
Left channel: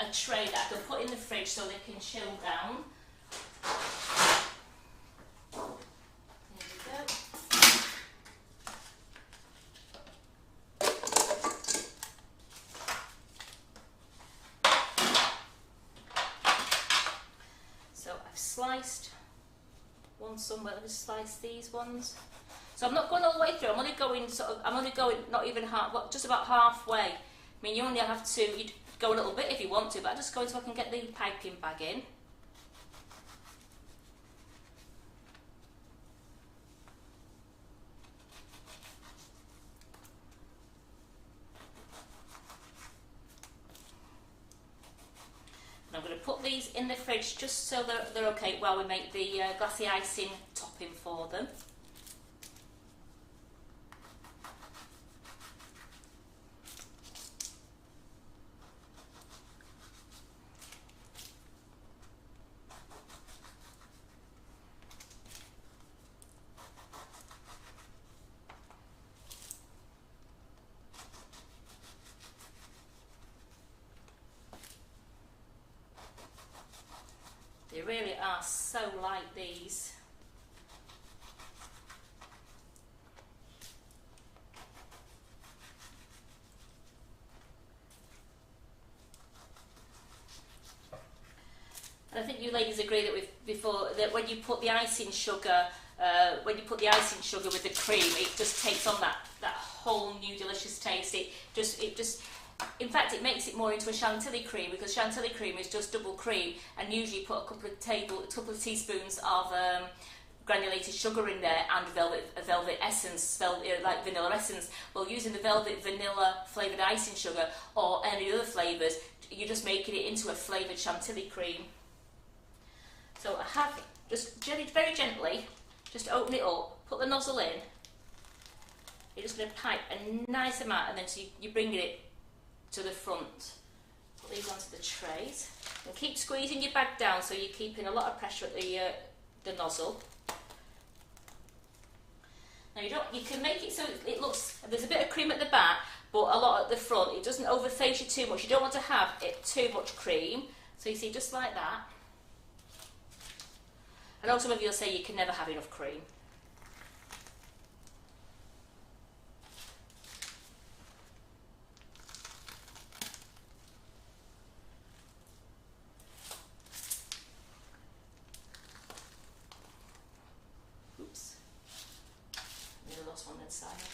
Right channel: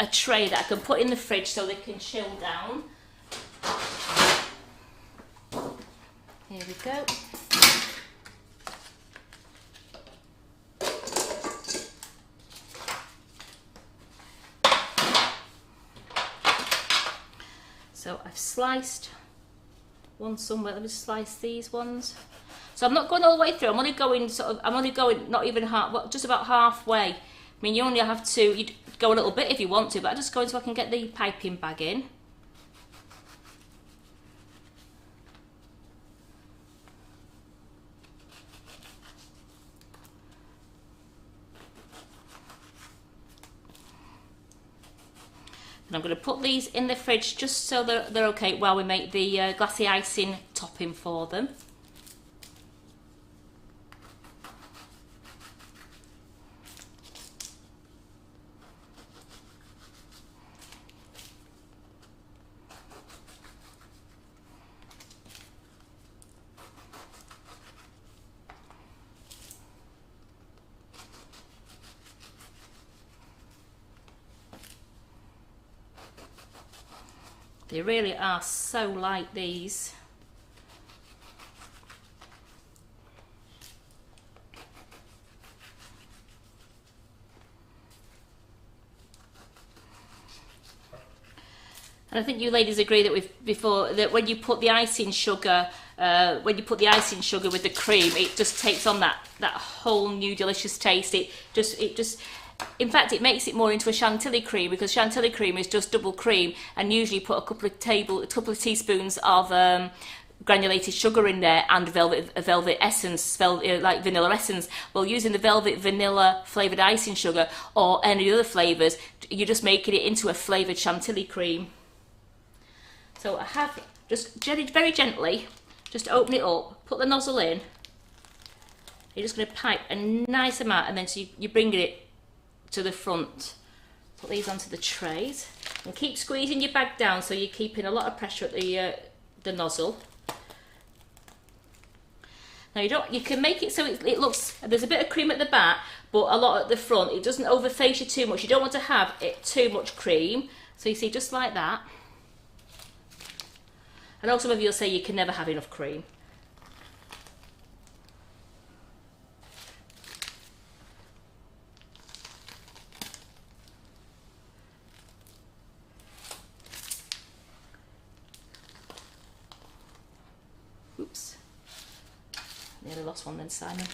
a tray that I can put in the fridge so they can chill down. Here we go. So I've sliced one somewhere. Let me slice these ones. So I'm not going all the way through. I'm only going not even half, well, just about halfway. I mean, you only have to, you'd go a little bit if you want to, but I'm just going so I can get the piping bag in. And I'm going to put these in the fridge just so they're okay while we make the glassy icing topping for them. They really are so light, these. And I think you ladies agree that when you put the icing sugar, with the cream, it just takes on that whole new delicious taste. In fact, it makes it more into a chantilly cream, because chantilly cream is just double cream, and usually put a couple of teaspoons of granulated sugar in there and velvet essence, like vanilla essence. Well, using the velvet vanilla flavoured icing sugar or any other flavours, you're just making it into a flavoured chantilly cream. So I have just very gently, just open it up, put the nozzle in. You're just going to pipe a nice amount, and then so you're bringing it to the front. Put these onto the trays and keep squeezing your bag down so you're keeping a lot of pressure at the nozzle. Now you can make it so it looks, there's a bit of cream at the back but a lot at the front. It doesn't overface you too much. You don't want to have it too much cream. So you see, just like that. I know some of you will say you can never have enough cream. Oops. Nearly lost one then, Simon.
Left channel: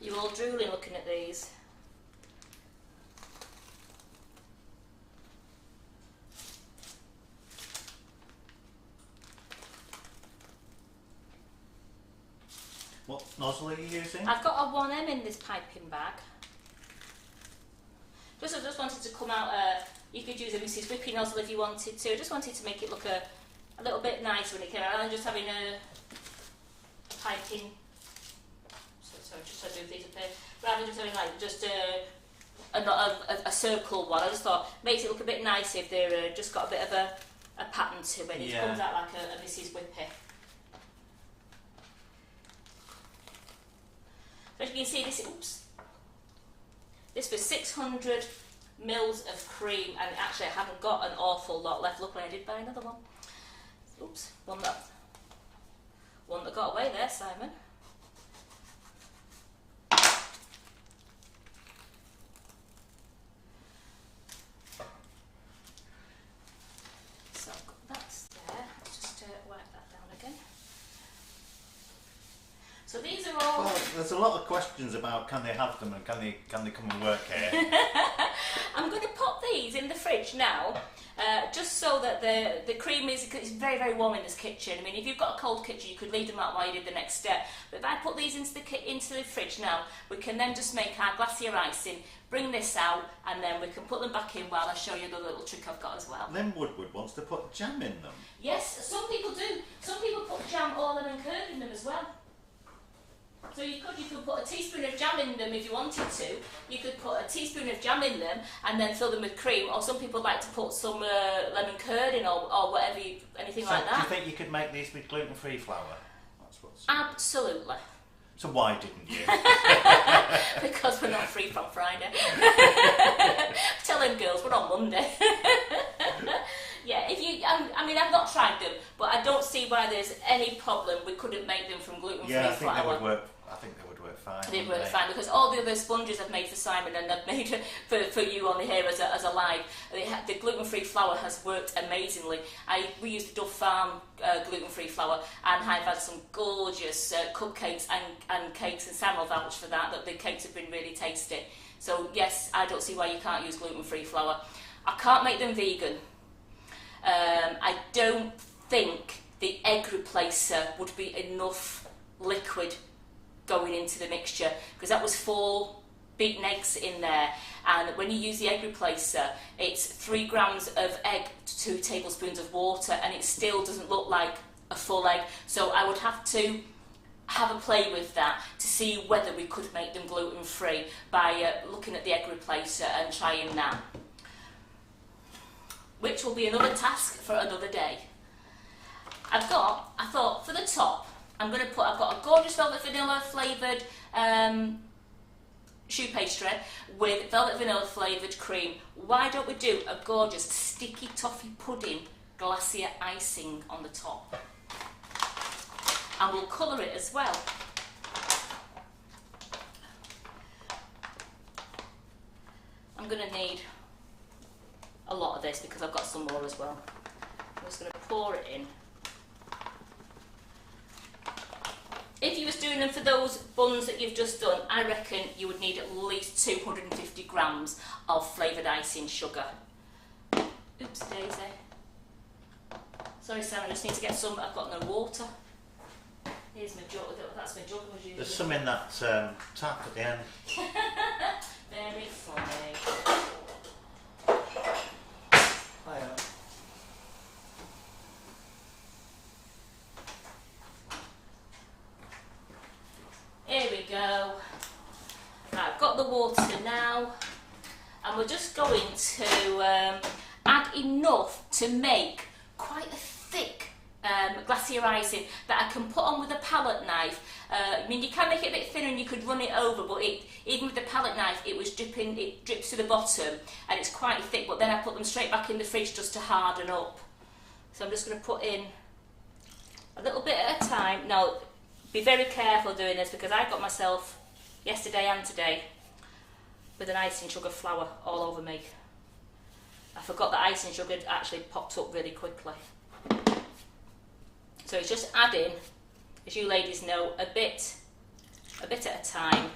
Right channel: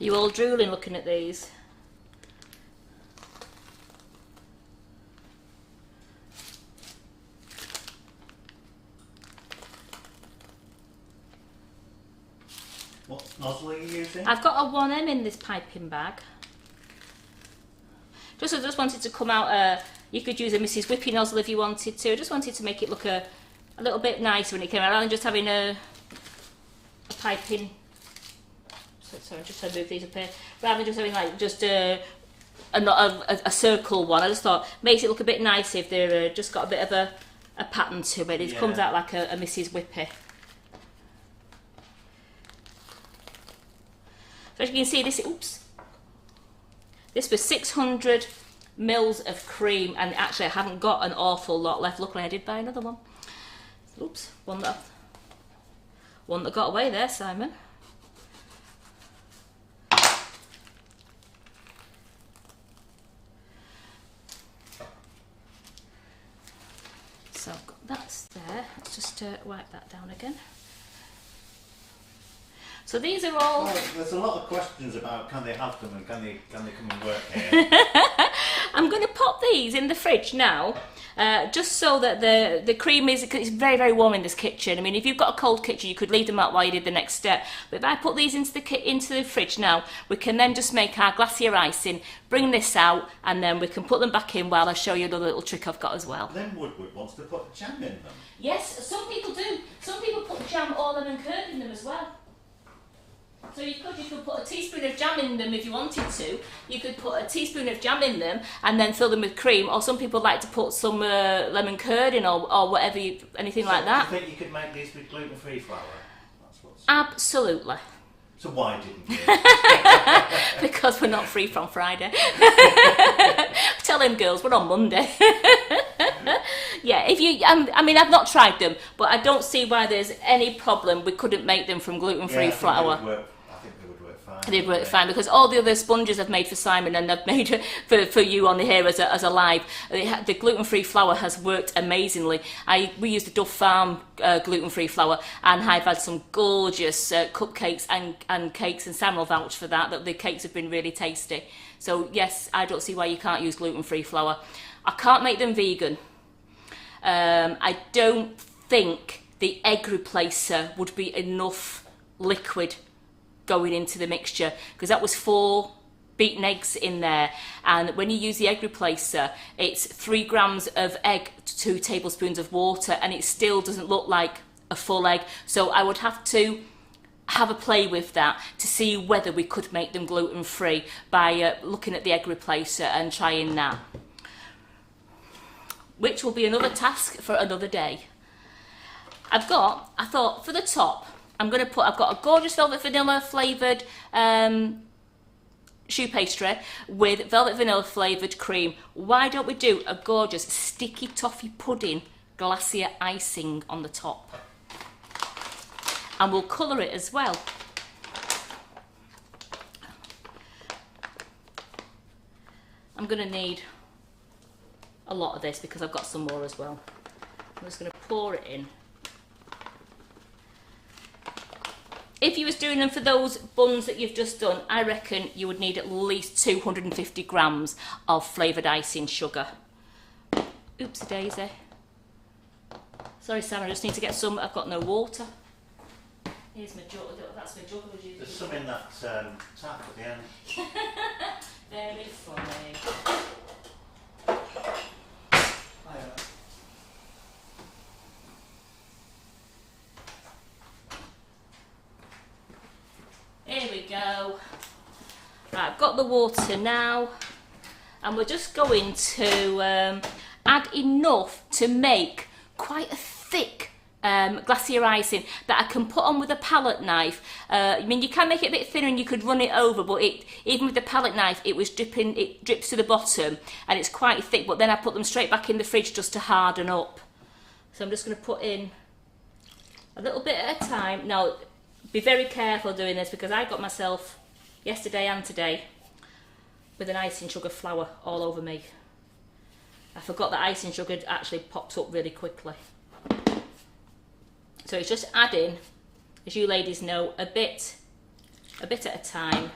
Are you all drooling looking at these? What nozzle are you using? I've got a 1M in this piping bag. I just wanted to come out, you could use a Mrs. Whippy nozzle if you wanted to. I just wanted to make it look a little bit nicer when it came out, rather than just having a piping. Sorry, I'm just trying to move these up here. Rather than just having like just a circle one, I just thought makes it look a bit nicer if they're just got a bit of a pattern to it. It comes out like a Mrs. Whippy. So as you can see, this was 600 mils of cream, and actually I haven't got an awful lot left. Luckily I did buy another one. Oops, one that got away there, Simon. So that's there. Let's just wipe that down again. So these are all... Well, there's a lot of questions about can they have them and can they come and work here? I'm going to pop these in the fridge now, just so that the cream is... Cause it's very, very warm in this kitchen. I mean, if you've got a cold kitchen, you could leave them out while you did the next step. But if I put these into the fridge now, we can then just make our glacier icing, bring this out, and then we can put them back in while I show you another little trick I've got as well. Then Woodward wants to put jam in them. Yes, some people do. Some people put jam or lemon curd in them as well. So you could put a teaspoon of jam in them if you wanted to. You could put a teaspoon of jam in them and then fill them with cream. Or some people like to put some lemon curd in or whatever, anything like that. Do you think you could make these with gluten-free flour? Absolutely. So why didn't you? Because we're not free from Friday. Tell them girls, we're on Monday. Yeah, if you, I mean, I've not tried them, but I don't see why there's any problem we couldn't make them from gluten-free flour. I think they would work fine. They'd work fine because all the other sponges I've made for Simon and I've made for you on here as a live, the gluten-free flour has worked amazingly. We use the Dove Farm gluten-free flour, and I've had some gorgeous cupcakes and cakes, and Sam will vouch for that the cakes have been really tasty. So yes, I don't see why you can't use gluten-free flour. I can't make them vegan. I don't think the egg replacer would be enough liquid going into the mixture, because that was 4 beaten eggs in there, and when you use the egg replacer, it's 3 grams of egg to 2 tablespoons of water, and it still doesn't look like a full egg. So I would have to have a play with that to see whether we could make them gluten-free by looking at the egg replacer and trying that, which will be another task for another day. I thought for the top, I've got a gorgeous velvet vanilla flavoured choux pastry with velvet vanilla flavoured cream. Why don't we do a gorgeous sticky toffee pudding glacier icing on the top? And we'll colour it as well. I'm going to need a lot of this because I've got some more as well. I'm just going to pour it in. If you was doing them for those buns that you've just done, I reckon you would need at least 250 grams of flavoured icing sugar. Oopsie daisy. Sorry Sam, I just need to get some. I've got no water. Here's my jug. That's my jug. There's some in that tap at the end. Very funny. Here we go. Right, I've got the water now, and we're just going to add enough to make quite a thick glacier icing that I can put on with a palette knife. I mean, you can make it a bit thinner and you could run it over, but even with the palette knife, it drips to the bottom and it's quite thick, but then I put them straight back in the fridge just to harden up. So I'm just going to put in a little bit at a time. Now, be very careful doing this because I got myself, yesterday and today, with an icing sugar flour all over me. I forgot that icing sugar actually pops up really quickly. So it's just adding, as you ladies know, a bit at a time.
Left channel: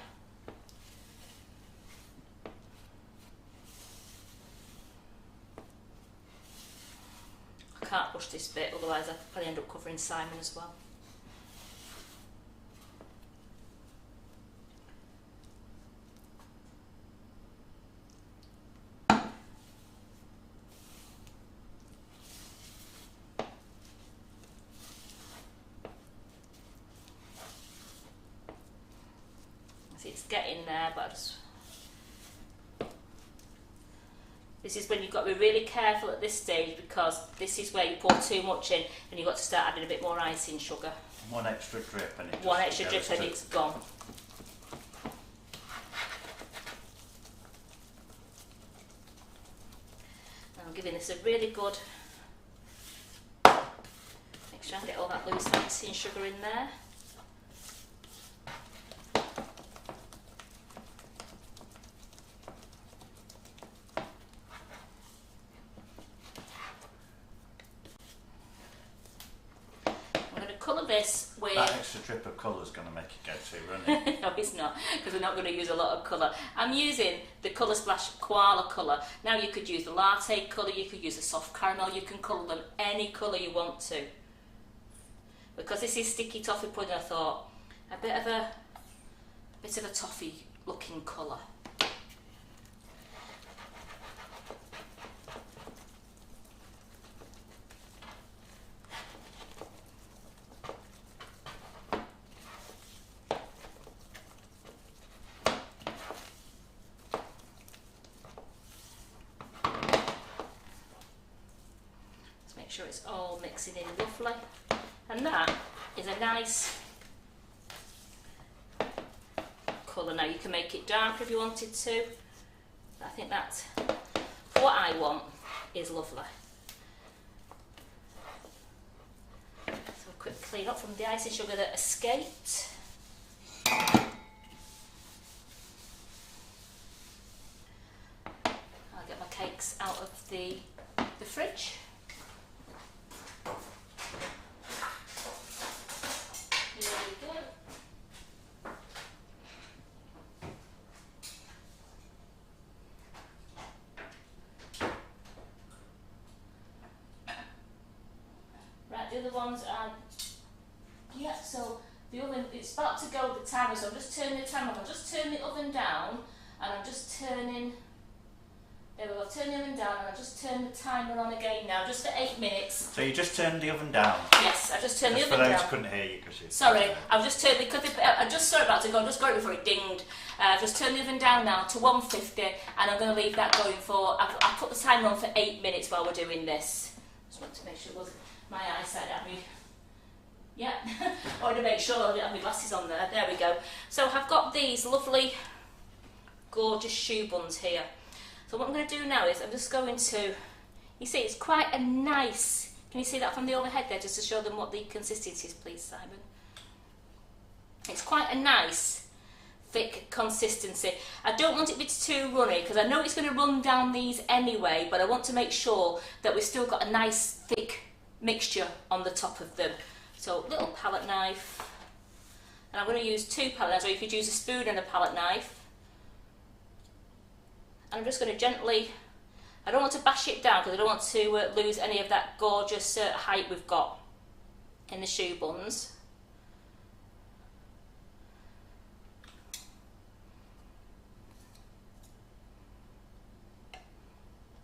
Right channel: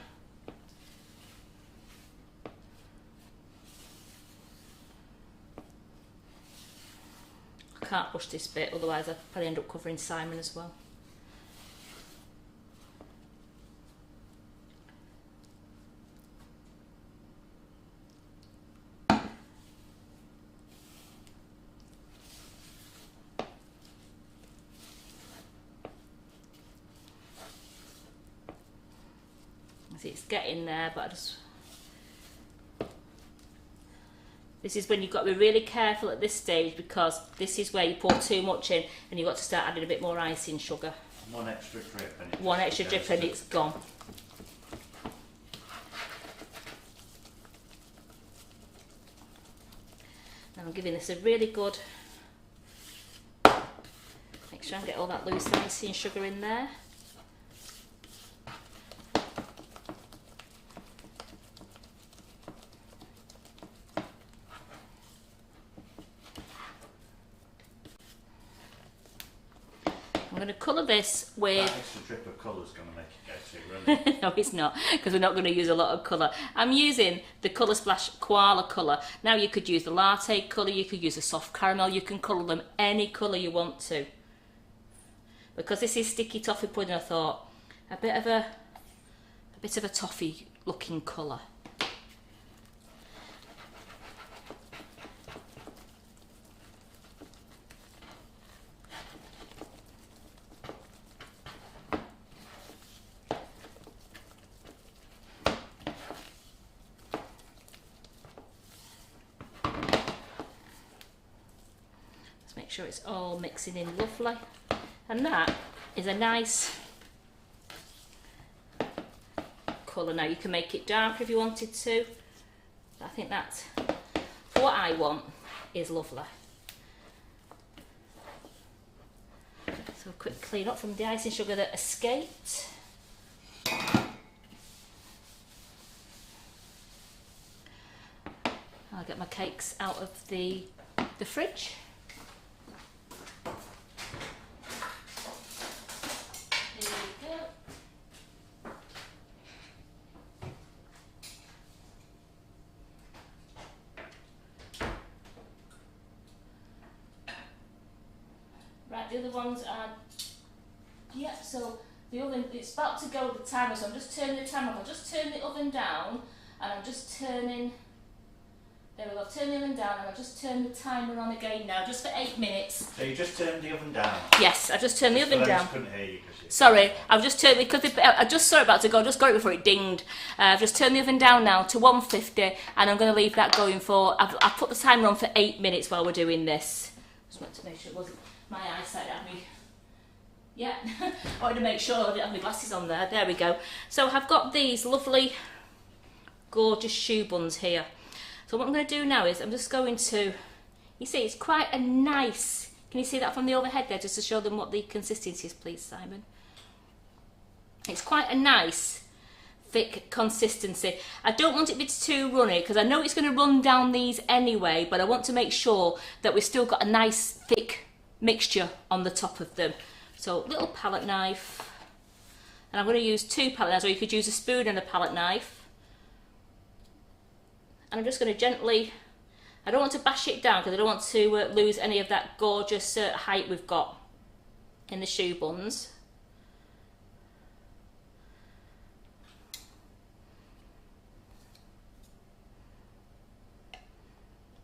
I can't push this bit, otherwise I'll probably end up covering Simon as well. It's getting there, but this is when you've got to be really careful at this stage, because this is where you pour too much in and you've got to start adding a bit more icing sugar. One extra drip and one extra drip and it's gone. Now I'm giving this a really good, make sure I get all that loose icing sugar in there. colour this with... That extra drip of colour is going to make it go too runny. No, it's not, because we're not going to use a lot of colour. I'm using the Colour Splash Koala colour. Now you could use the latte colour, you could use a soft caramel, you can colour them any colour you want to. Because this is sticky toffee pudding, I thought a bit of a toffee looking colour. Make sure it's all mixing in lovely, and that is a nice colour. Now you can make it darker if you wanted to. I think that, for what I want, is lovely. So quick clean up from the icing sugar that escaped. I'll get my cakes out of the fridge. The other ones are, yeah, so the oven, it's about to go the timer, so I'm just turning the timer off. I'll just turn the oven down, and I'm just turning, there we go, turn the oven down, and I'll just turn the timer on again now, just for 8 minutes. So you just turned the oven down? Yes, I just turned the oven down. Couldn't hear you. Sorry, I've just turned, because I just saw it about to go, I just got it before it dinged. I've just turned the oven down now to 150, and I'm going to leave that going for, I've put the timer on for 8 minutes while we're doing this. Just want to make sure it wasn't my eyesight at me. Yeah, I wanted to make sure I didn't have my glasses on there. There we go. So I've got these lovely, gorgeous choux buns here. So what I'm going to do now is I'm just going to, you see it's quite a nice, can you see that from the overhead there, just to show them what the consistency is, please, Simon? It's quite a nice, thick consistency. I don't want it to be too runny, because I know it's going to run down these anyway, but I want to make sure that we've still got a nice, thick mixture on the top of them. So little palette knife, and I'm going to use 2 palette knives, or you could use a spoon and a palette knife. And I'm just going to gently, I don't want to bash it down because I don't want to lose any of that gorgeous height we've got in the choux buns.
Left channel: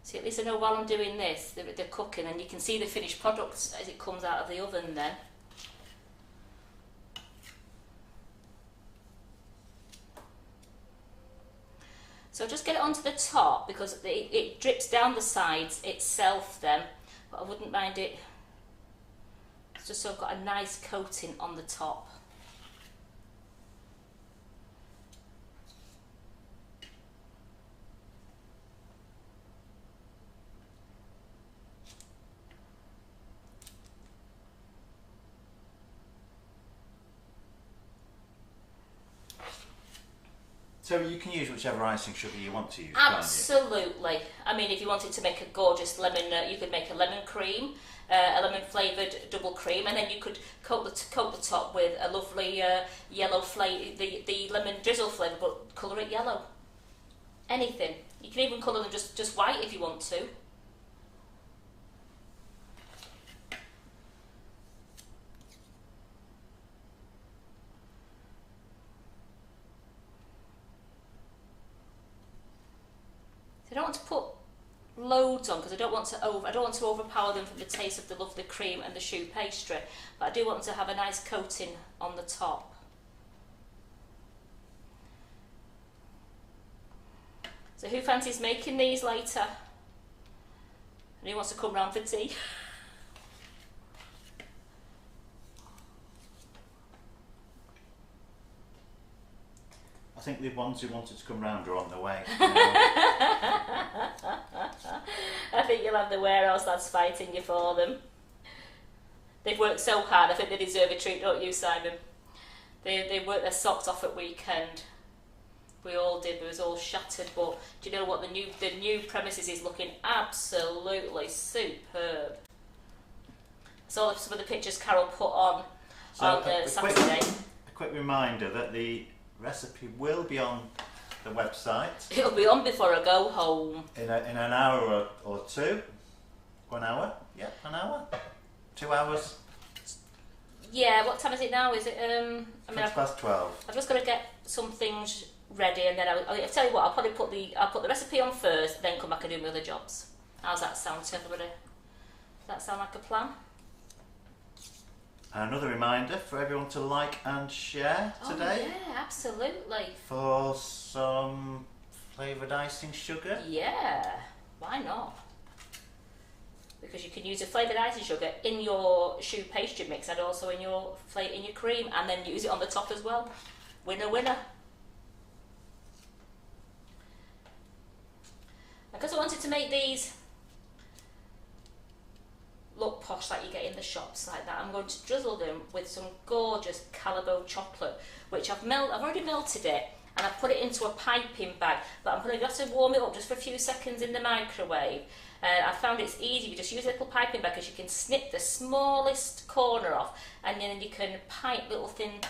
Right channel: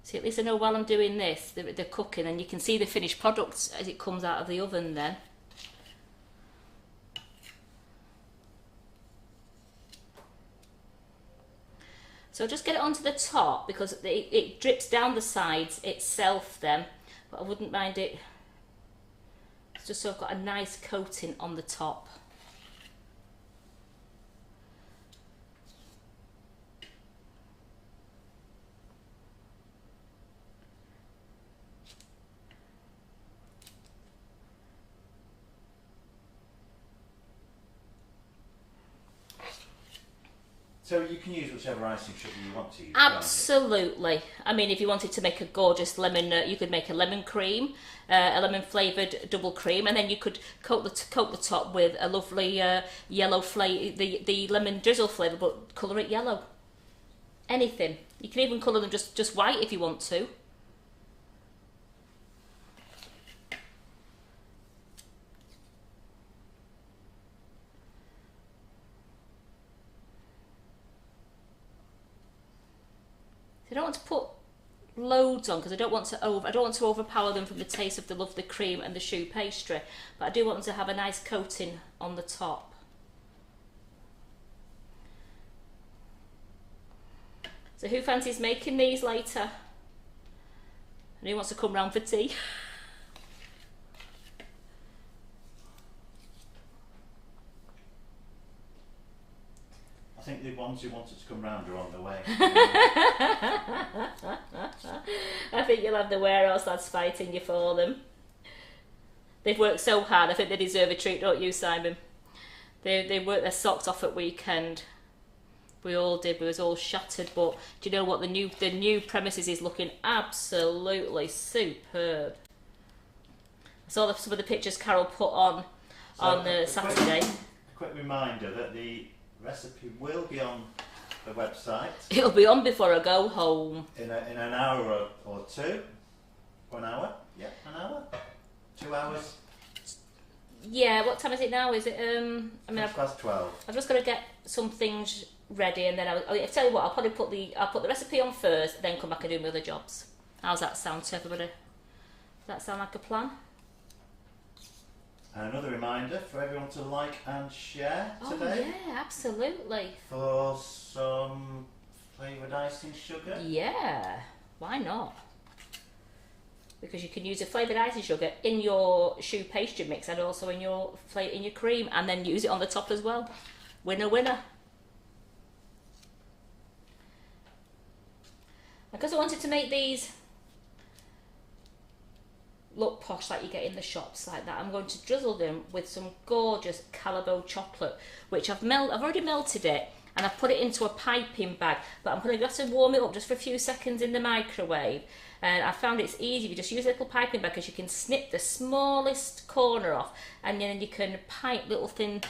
See, at least I know while I'm doing this, they're cooking, and you can see the finished product as it comes out of the oven then. So just get it onto the top, because it drips down the sides itself then, but I wouldn't mind it, it's just so I've got a nice coating on the top. So you can use whichever icing sugar you want to use. Absolutely. I mean, if you wanted to make a gorgeous lemon, you could make a lemon cream, a lemon flavoured double cream, and then you could coat the top with a lovely yellow flavour, the lemon drizzle flavour, but colour it yellow. Anything. You can even colour them just white if you want to. I don't want to put loads on because I don't want to overpower them from the taste of the lovely cream and the choux pastry, but I do want them to have a nice coating on the top. So who fancies making these later? And who wants to come round for tea? I think the ones who wanted to come round are on the way. I think you'll have the warehouse lads fighting you for them. They've worked so hard, I think they deserve a treat, don't you, Simon? They worked their socks off at weekend. We all did, we was all shattered, but do you know what, the new premises is looking absolutely superb. I saw some of the pictures Carol put on on Saturday. A quick reminder that the recipe will be on the website. It'll be on before I go home. In an hour or two. 1 hour? Yeah, an hour? 2 hours? Yeah, what time is it now? Is it, I mean, past 12. I've just got to get some things ready, and then I'll tell you what, I'll probably put the recipe on first, then come back and do my other jobs. How's that sound to everybody? Does that sound like a plan? Another reminder for everyone to like and share today. Oh yeah, absolutely. For some flavoured icing sugar. Yeah, why not? Because you can use a flavoured icing sugar in your choux pastry mix and also in your cream, and then use it on the top as well. Winner, winner. Because I wanted to make these look posh like you get in the shops like that, I'm going to drizzle them with some gorgeous Calibo chocolate, which I've already melted it, and I've put it into a piping bag, but I'm going to have to warm it up just for a few seconds in the microwave. And I found it's easy if you just use a little piping bag, because you can snip the smallest corner off, and then you can pipe little thin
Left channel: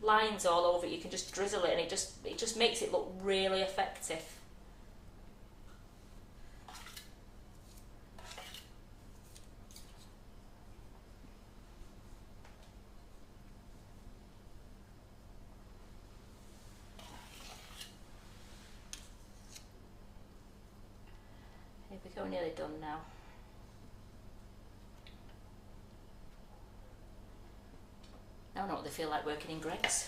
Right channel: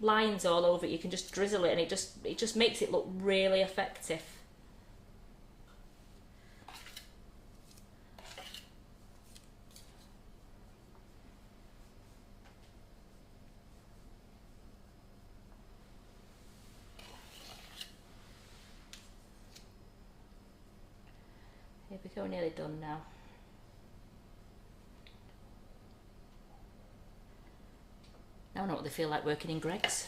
lines all over it. You can just drizzle it, and it just makes it look really effective. Here we go, nearly done now. Now I know what they feel like working in Greggs.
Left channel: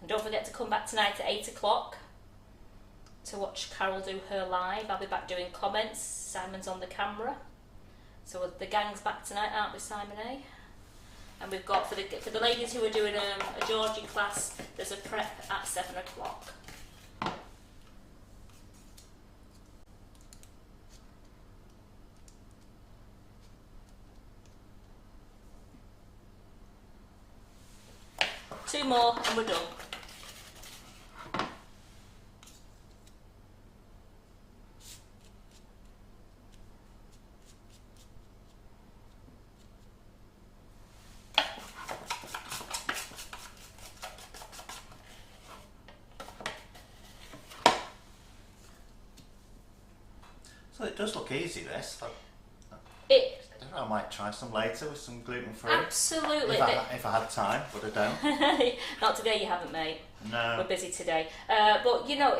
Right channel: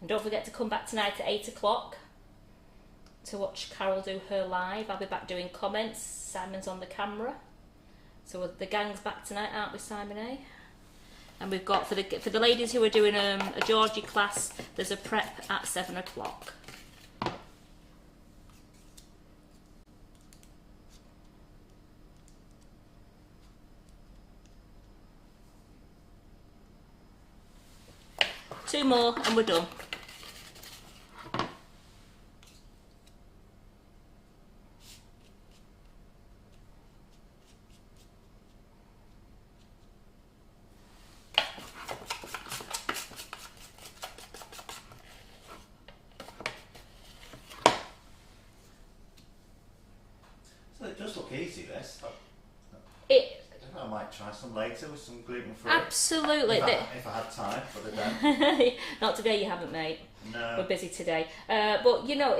And don't forget to come back tonight at 8 o'clock. To watch Carol do her live. I'll be back doing comments. Simon's on the camera. So the gang's back tonight, aren't we, Simon, eh? And we've got, for the ladies who are doing a Georgie class, there's a prep at 7 o'clock. Two more and we're done. So it does look easy, this. I might try some later with some gluten-free. Absolutely. If I had time, but I don't. Not today, you haven't, mate. No. We're busy today. But you know,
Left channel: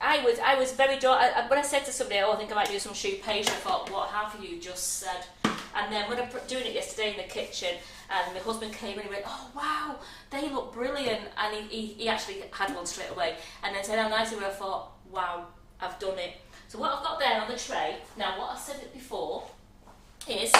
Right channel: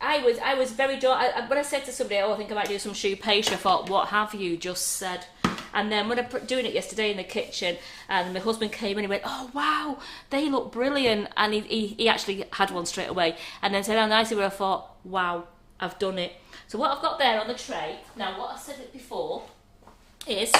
I was very when I said to somebody, oh, I think I might do some choux pastry, I thought, what have you just said? And then when I was doing it yesterday in the kitchen, and my husband came in and he went, oh wow, they look brilliant, and he actually had one straight away, and then said how nice they were. I thought, wow, I've done it. So what I've got there on the tray, now what I said it before, is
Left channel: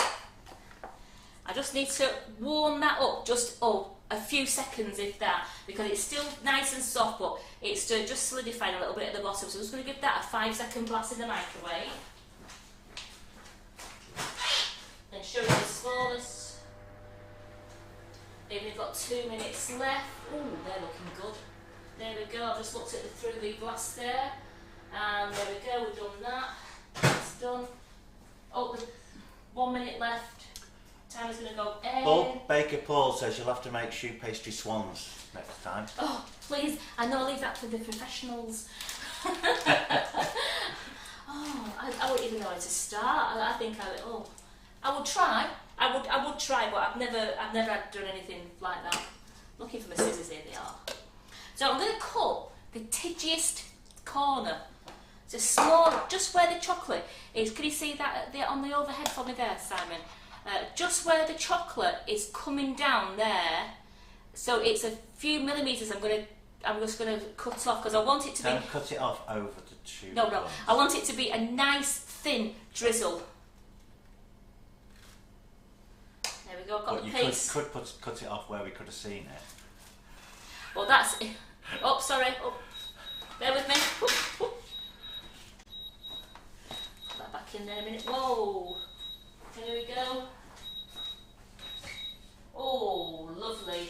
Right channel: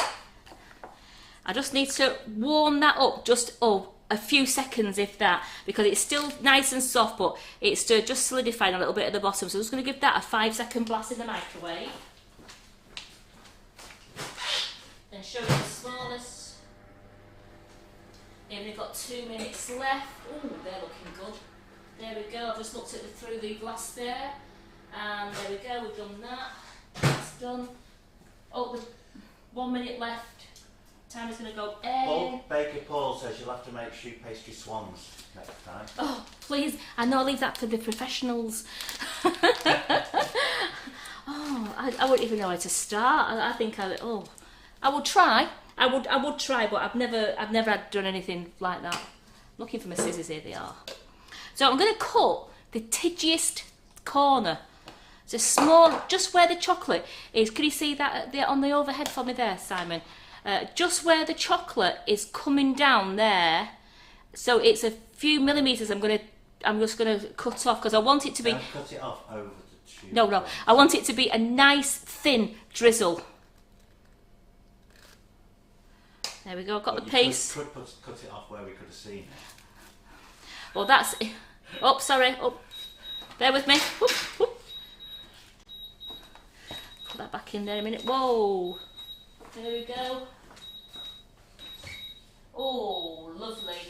I just need to warm that up just a few seconds, if that, because it's still nice and soft, but it's just solidifying a little bit at the bottom. So I'm just going to give that a 5-second blast in the microwave. And show you the smallest. They've only got 2 minutes left. Ooh, they're looking good. There we go. I've just looked at through the glass there. And there we go, we've done that. That's done. Oh, there's 1 minute left. Time is going to go in. Bob Baker Paul says you'll have to make choux pastry swans next time. Oh, please. I know, leave that for the professionals. Oh, I wouldn't even know where to start. I think I would try. I would try, but I've never done anything like that. Looking for my scissors, here they are. So I'm going to cut the tidgiest corner. So small, just where the chocolate is. Can you see that on the overhead for me there, Simon? Just where the chocolate is coming down there. So it's a few millimetres. I'm just gonna cut off because I want it to be. Don't cut it off over the tube. No. I want it to be a nice thin drizzle. There we go. I've got the piece. Could cut it off where we could have seen it. Well, that's. Oh, sorry. Oh, bear with me. Put that back in there a minute. Whoa. There we go. Oh, lovely.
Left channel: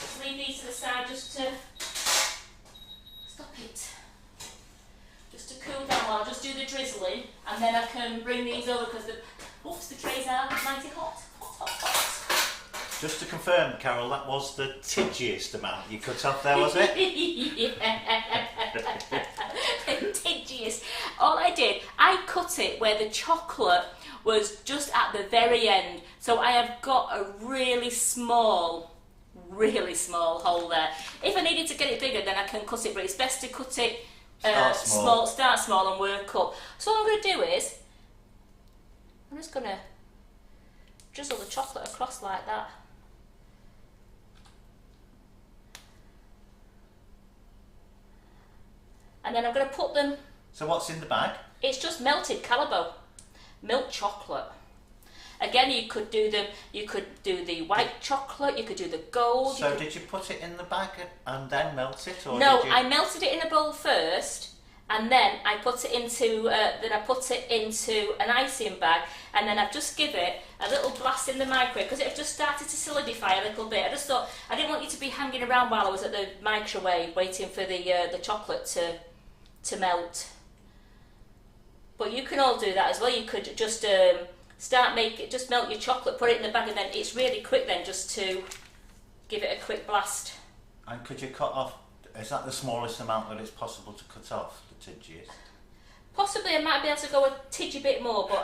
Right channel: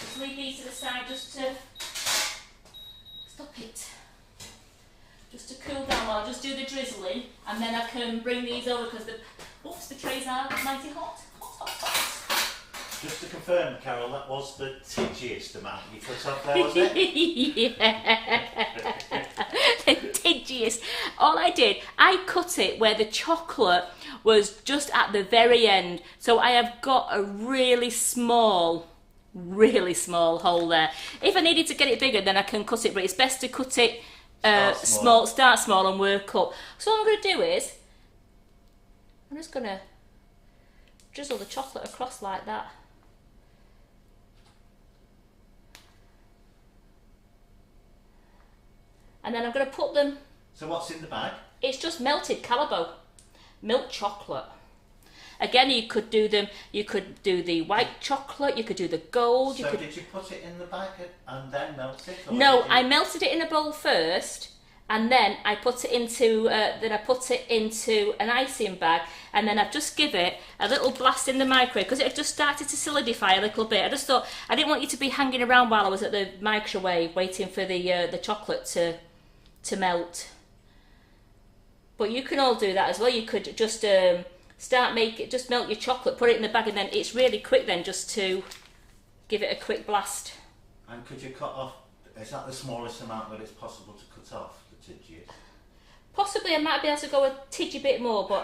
Just leave these to the side just to stop it. Just to cool down while I just do the drizzling, and then I can bring these over because the trays are mighty hot. Hot, hot, hot. Just to confirm, Carol, that was the tidgiest amount you cut off there, was it? Yeah. The tidgiest. All I did, I cut it where the chocolate was just at the very end. So I have got a really small hole there. If I needed to get it bigger, then I can cut it, but it's best to cut it start small and work up. So what I'm going to do is, I'm just going to drizzle the chocolate across like that. And then I'm going to put them... So what's in the bag? It's just melted Calabo, milk chocolate. Again, you could do the white chocolate, you could do the gold. So did you put it in the bag and then melt it? Or no, I melted it in a bowl first, and then I put it into an icing bag, and then I've just give it a little blast in the microwave because it had just started to solidify a little bit. I just thought I didn't want you to be hanging around while I was at the microwave waiting for the chocolate to melt. But you can all do that as well. You could just just melt your chocolate, put it in the bag, and then it's really quick then just to give it a quick blast. And could you cut off, is that the smallest amount that it's possible to cut off, the tidgiest? Possibly I might be able to go a tidgy bit more, but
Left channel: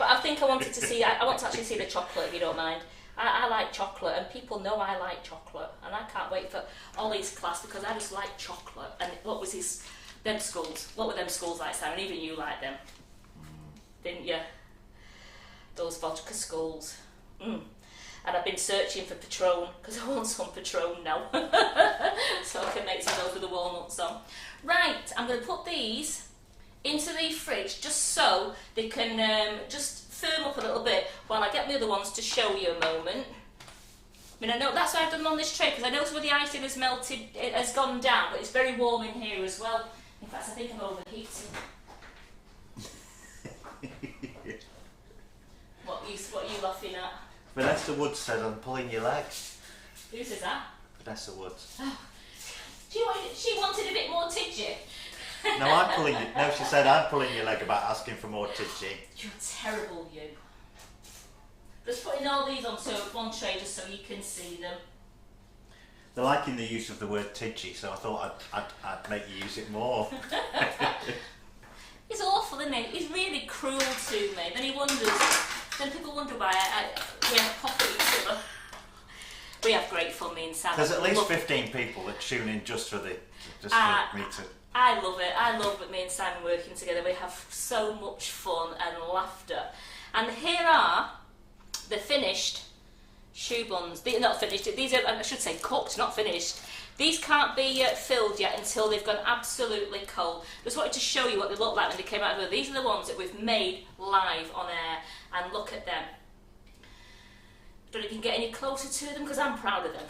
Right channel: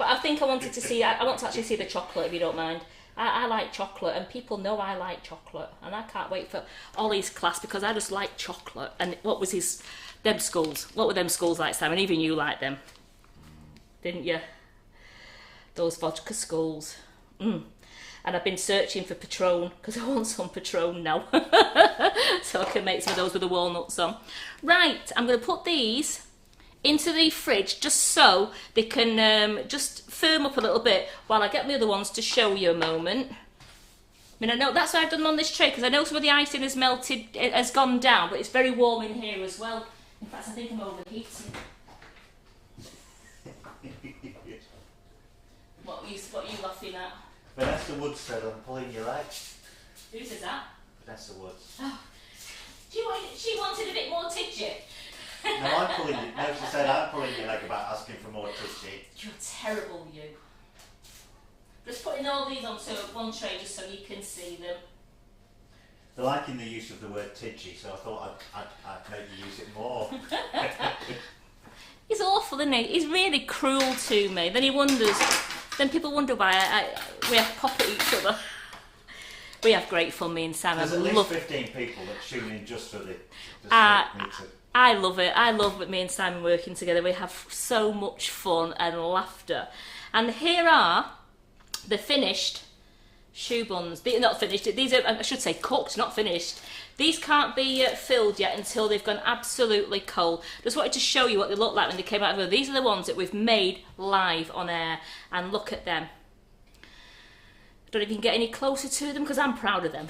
I think I wanted to see, I want to actually see the chocolate if you don't mind. I like chocolate, and people know I like chocolate, and I can't wait for Ollie's class because I just like chocolate. And what was them skulls? What were them skulls like, Simon? Even you liked them, didn't you? Those vodka skulls. And I've been searching for Patron because I want some Patron now. So I can make some of those with the walnuts on. Right, I'm going to put these into the fridge just so they can just firm up a little bit while I get the other ones to show you a moment. I mean, I know that's what I've done on this tray because I know some of the icing has melted, it has gone down, but it's very warm in here as well. In fact, I think I'm overheating. What are you laughing at? Vanessa Woods said I'm pulling your leg. Who says that? Vanessa Woods. Oh. She wanted a bit more tidgy. No, I'm pulling you. No, she said I'm pulling your leg about asking for more tidgy. You're terrible, you. Just putting all these onto one tray just so you can see them. They're liking the use of the word tidgy, so I thought I'd make you use it more. He's awful, isn't he? He's really cruel to me. Then people wonder why we have pop at each other. We have great fun, me and Sam. There's at least 15 people that tune in just for me to. I love it. I love me and Simon working together. We have so much fun and laughter. And here are the finished choux buns. They're not finished. These are, I should say, cooked, not finished. These can't be filled yet until they've gone absolutely cold. Just wanted to show you what they look like when they came out of the oven. These are the ones that we've made live on air, and look at them. I don't know if you can get any closer to them because I'm proud of them.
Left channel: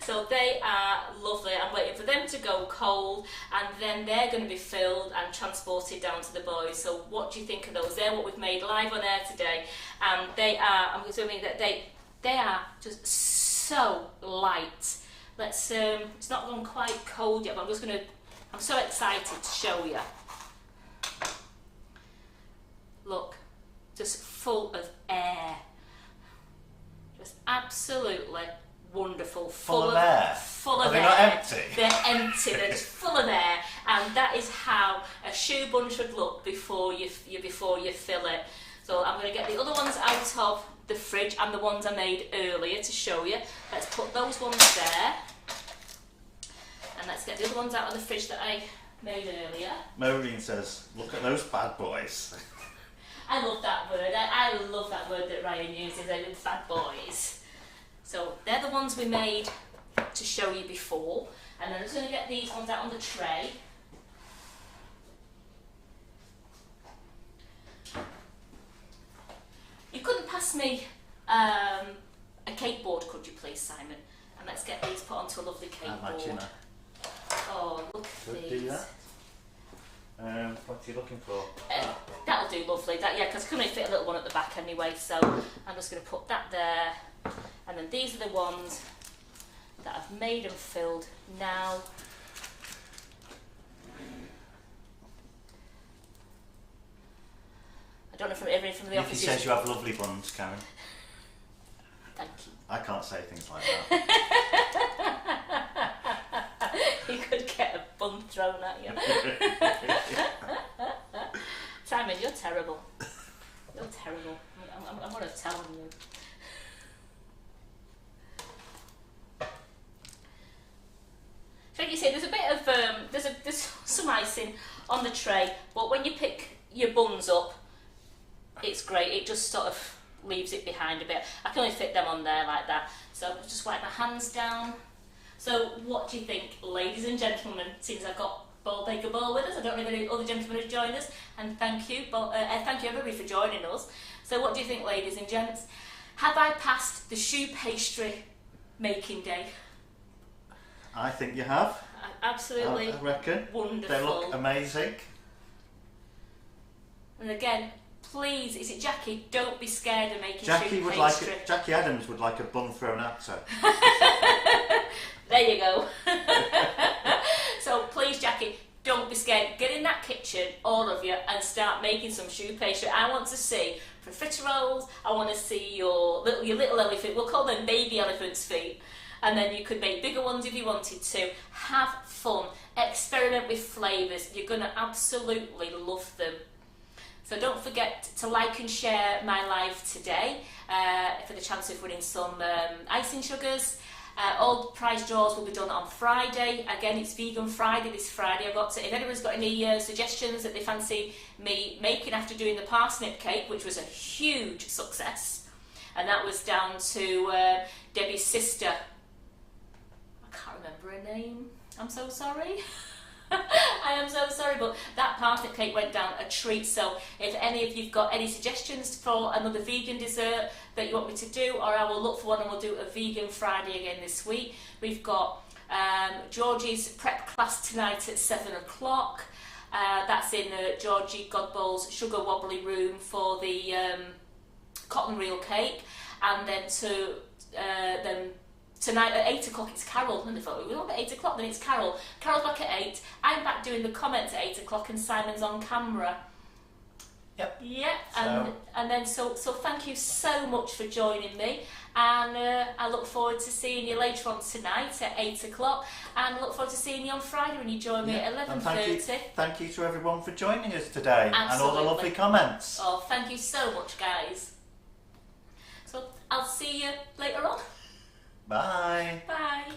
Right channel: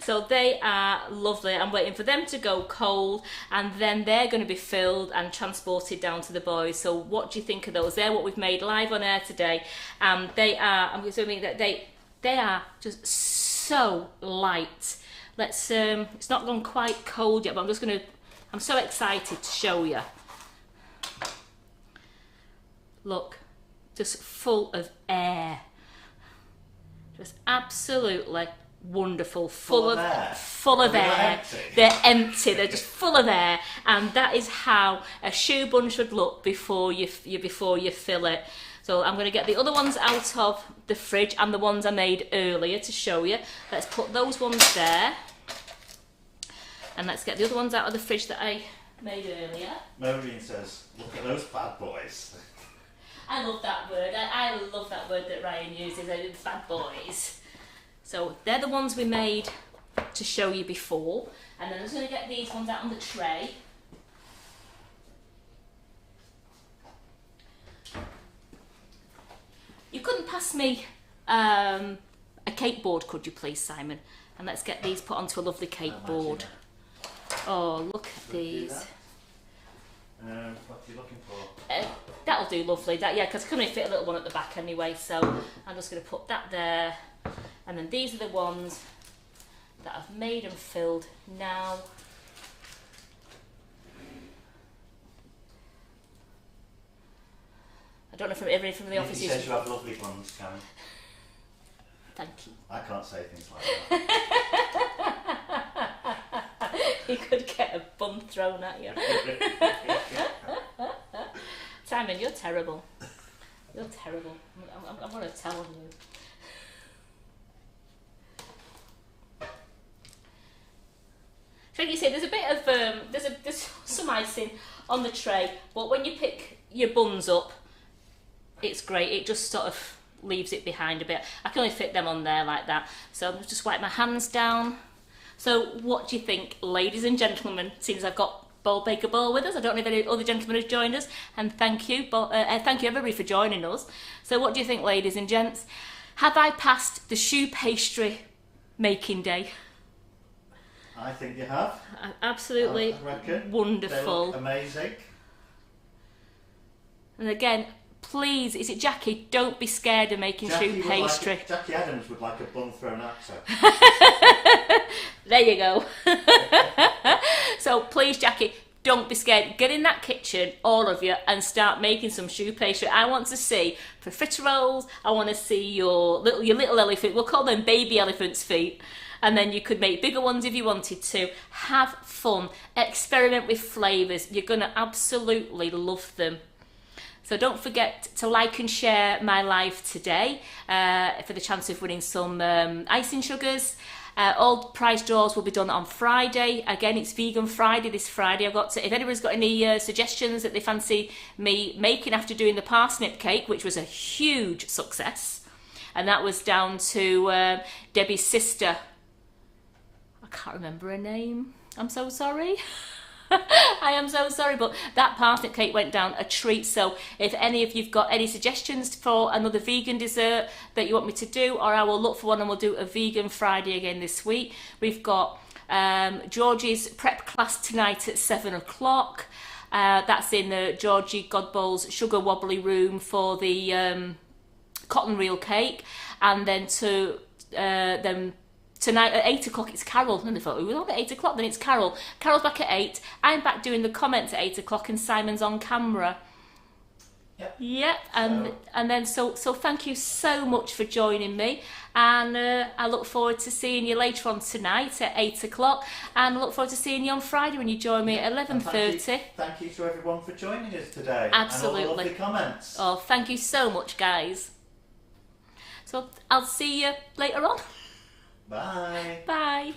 So they are lovely. I'm waiting for them to go cold, and then they're going to be filled and transported down to the boys. So what do you think of those? They're what we've made live on air today, and they are. I'm assuming that they are just so light. Let's. It's not gone quite cold yet, but I'm so excited to show you. Look, just full of air. Just absolutely wonderful, full of air. Not empty? They're empty. They're just full of air, and that is how a choux bun should look before you fill it. So I'm going to get the other ones out of the fridge and the ones I made earlier to show you. Let's put those ones there, and let's get the other ones out of the fridge that I made earlier. Maureen says, "Look at those bad boys." I love that word. I love that word that Ryan uses. Bad boys. So they're the ones we made to show you before, and then I'm just going to get these ones out on the tray. You couldn't pass me a cake board, could you please, Simon? And let's get these put onto a lovely cake board. Oh, look at these. What are you looking for? that'll do lovely. That, yeah, because I can only fit a little one at the back anyway, so I'm just going to put that there. And then these are the ones that I've made and filled now. I don't know from everything from the office. He says you have lovely buns, Karen. Thank you. I can't say things like that. You could get a bun thrown at you. Simon, you're terrible. You're terrible. I'm going to tell on you. So like you say, there's a bit of there's some icing on the tray, but when you pick your buns up, it's great. It just sort of leaves it behind a bit. I can only fit them on there like that. So I'll just wipe my hands down. So what do you think, ladies and gentlemen, since I've got Bold Baker Bowl with us? I don't know if any other gentlemen have joined us, and thank you everybody for joining us. So what do you think, ladies and gents? Have I passed the choux pastry making day? I think you have. Absolutely I reckon. Wonderful. They look amazing. And again, please, is it Jackie? Don't be scared of making choux pastry. Jackie Adams would like a bun thrown at her. There you go. So please, Jackie, don't be scared. Get in that kitchen, all of you, and start making some choux pastry. I want to see profiteroles. I want to see your little elephant. We'll call them baby elephant's feet. And then you could make bigger ones if you wanted to. Have fun. Experiment with flavours. You're going to absolutely love them. So don't forget to like and share my live today for the chance of winning some icing sugars. All prize draws will be done on Friday. Again, it's Vegan Friday this Friday. If anyone's got any suggestions that they fancy me making after doing the parsnip cake, which was a huge success, and that was down to Debbie's sister. I can't remember her name. I'm so sorry. I am so sorry, but that parsnip cake went down a treat. So if any of you've got any suggestions for another vegan dessert that you want me to do, or I will look for one and we'll do a Vegan Friday again this week. We've got Georgie's prep class tonight at 7 o'clock. That's in Georgie Godbowl's sugar wobbly room for the cotton reel cake. And then tonight at 8 o'clock it's Carol. And they thought, we're not at 8 o'clock, then it's Carol. Carol's back at 8. I'm back doing the comments at 8 o'clock and Simon's on camera. Yep. Yeah, and then so thank you so much for joining me. And I look forward to seeing you later on tonight at 8 o'clock. And I look forward to seeing you on Friday when you join me at 11:30. Thank you to everyone for joining us today. Absolutely. And all the lovely comments. Oh, thank you so much, guys. So I'll see you later on. Bye. Bye.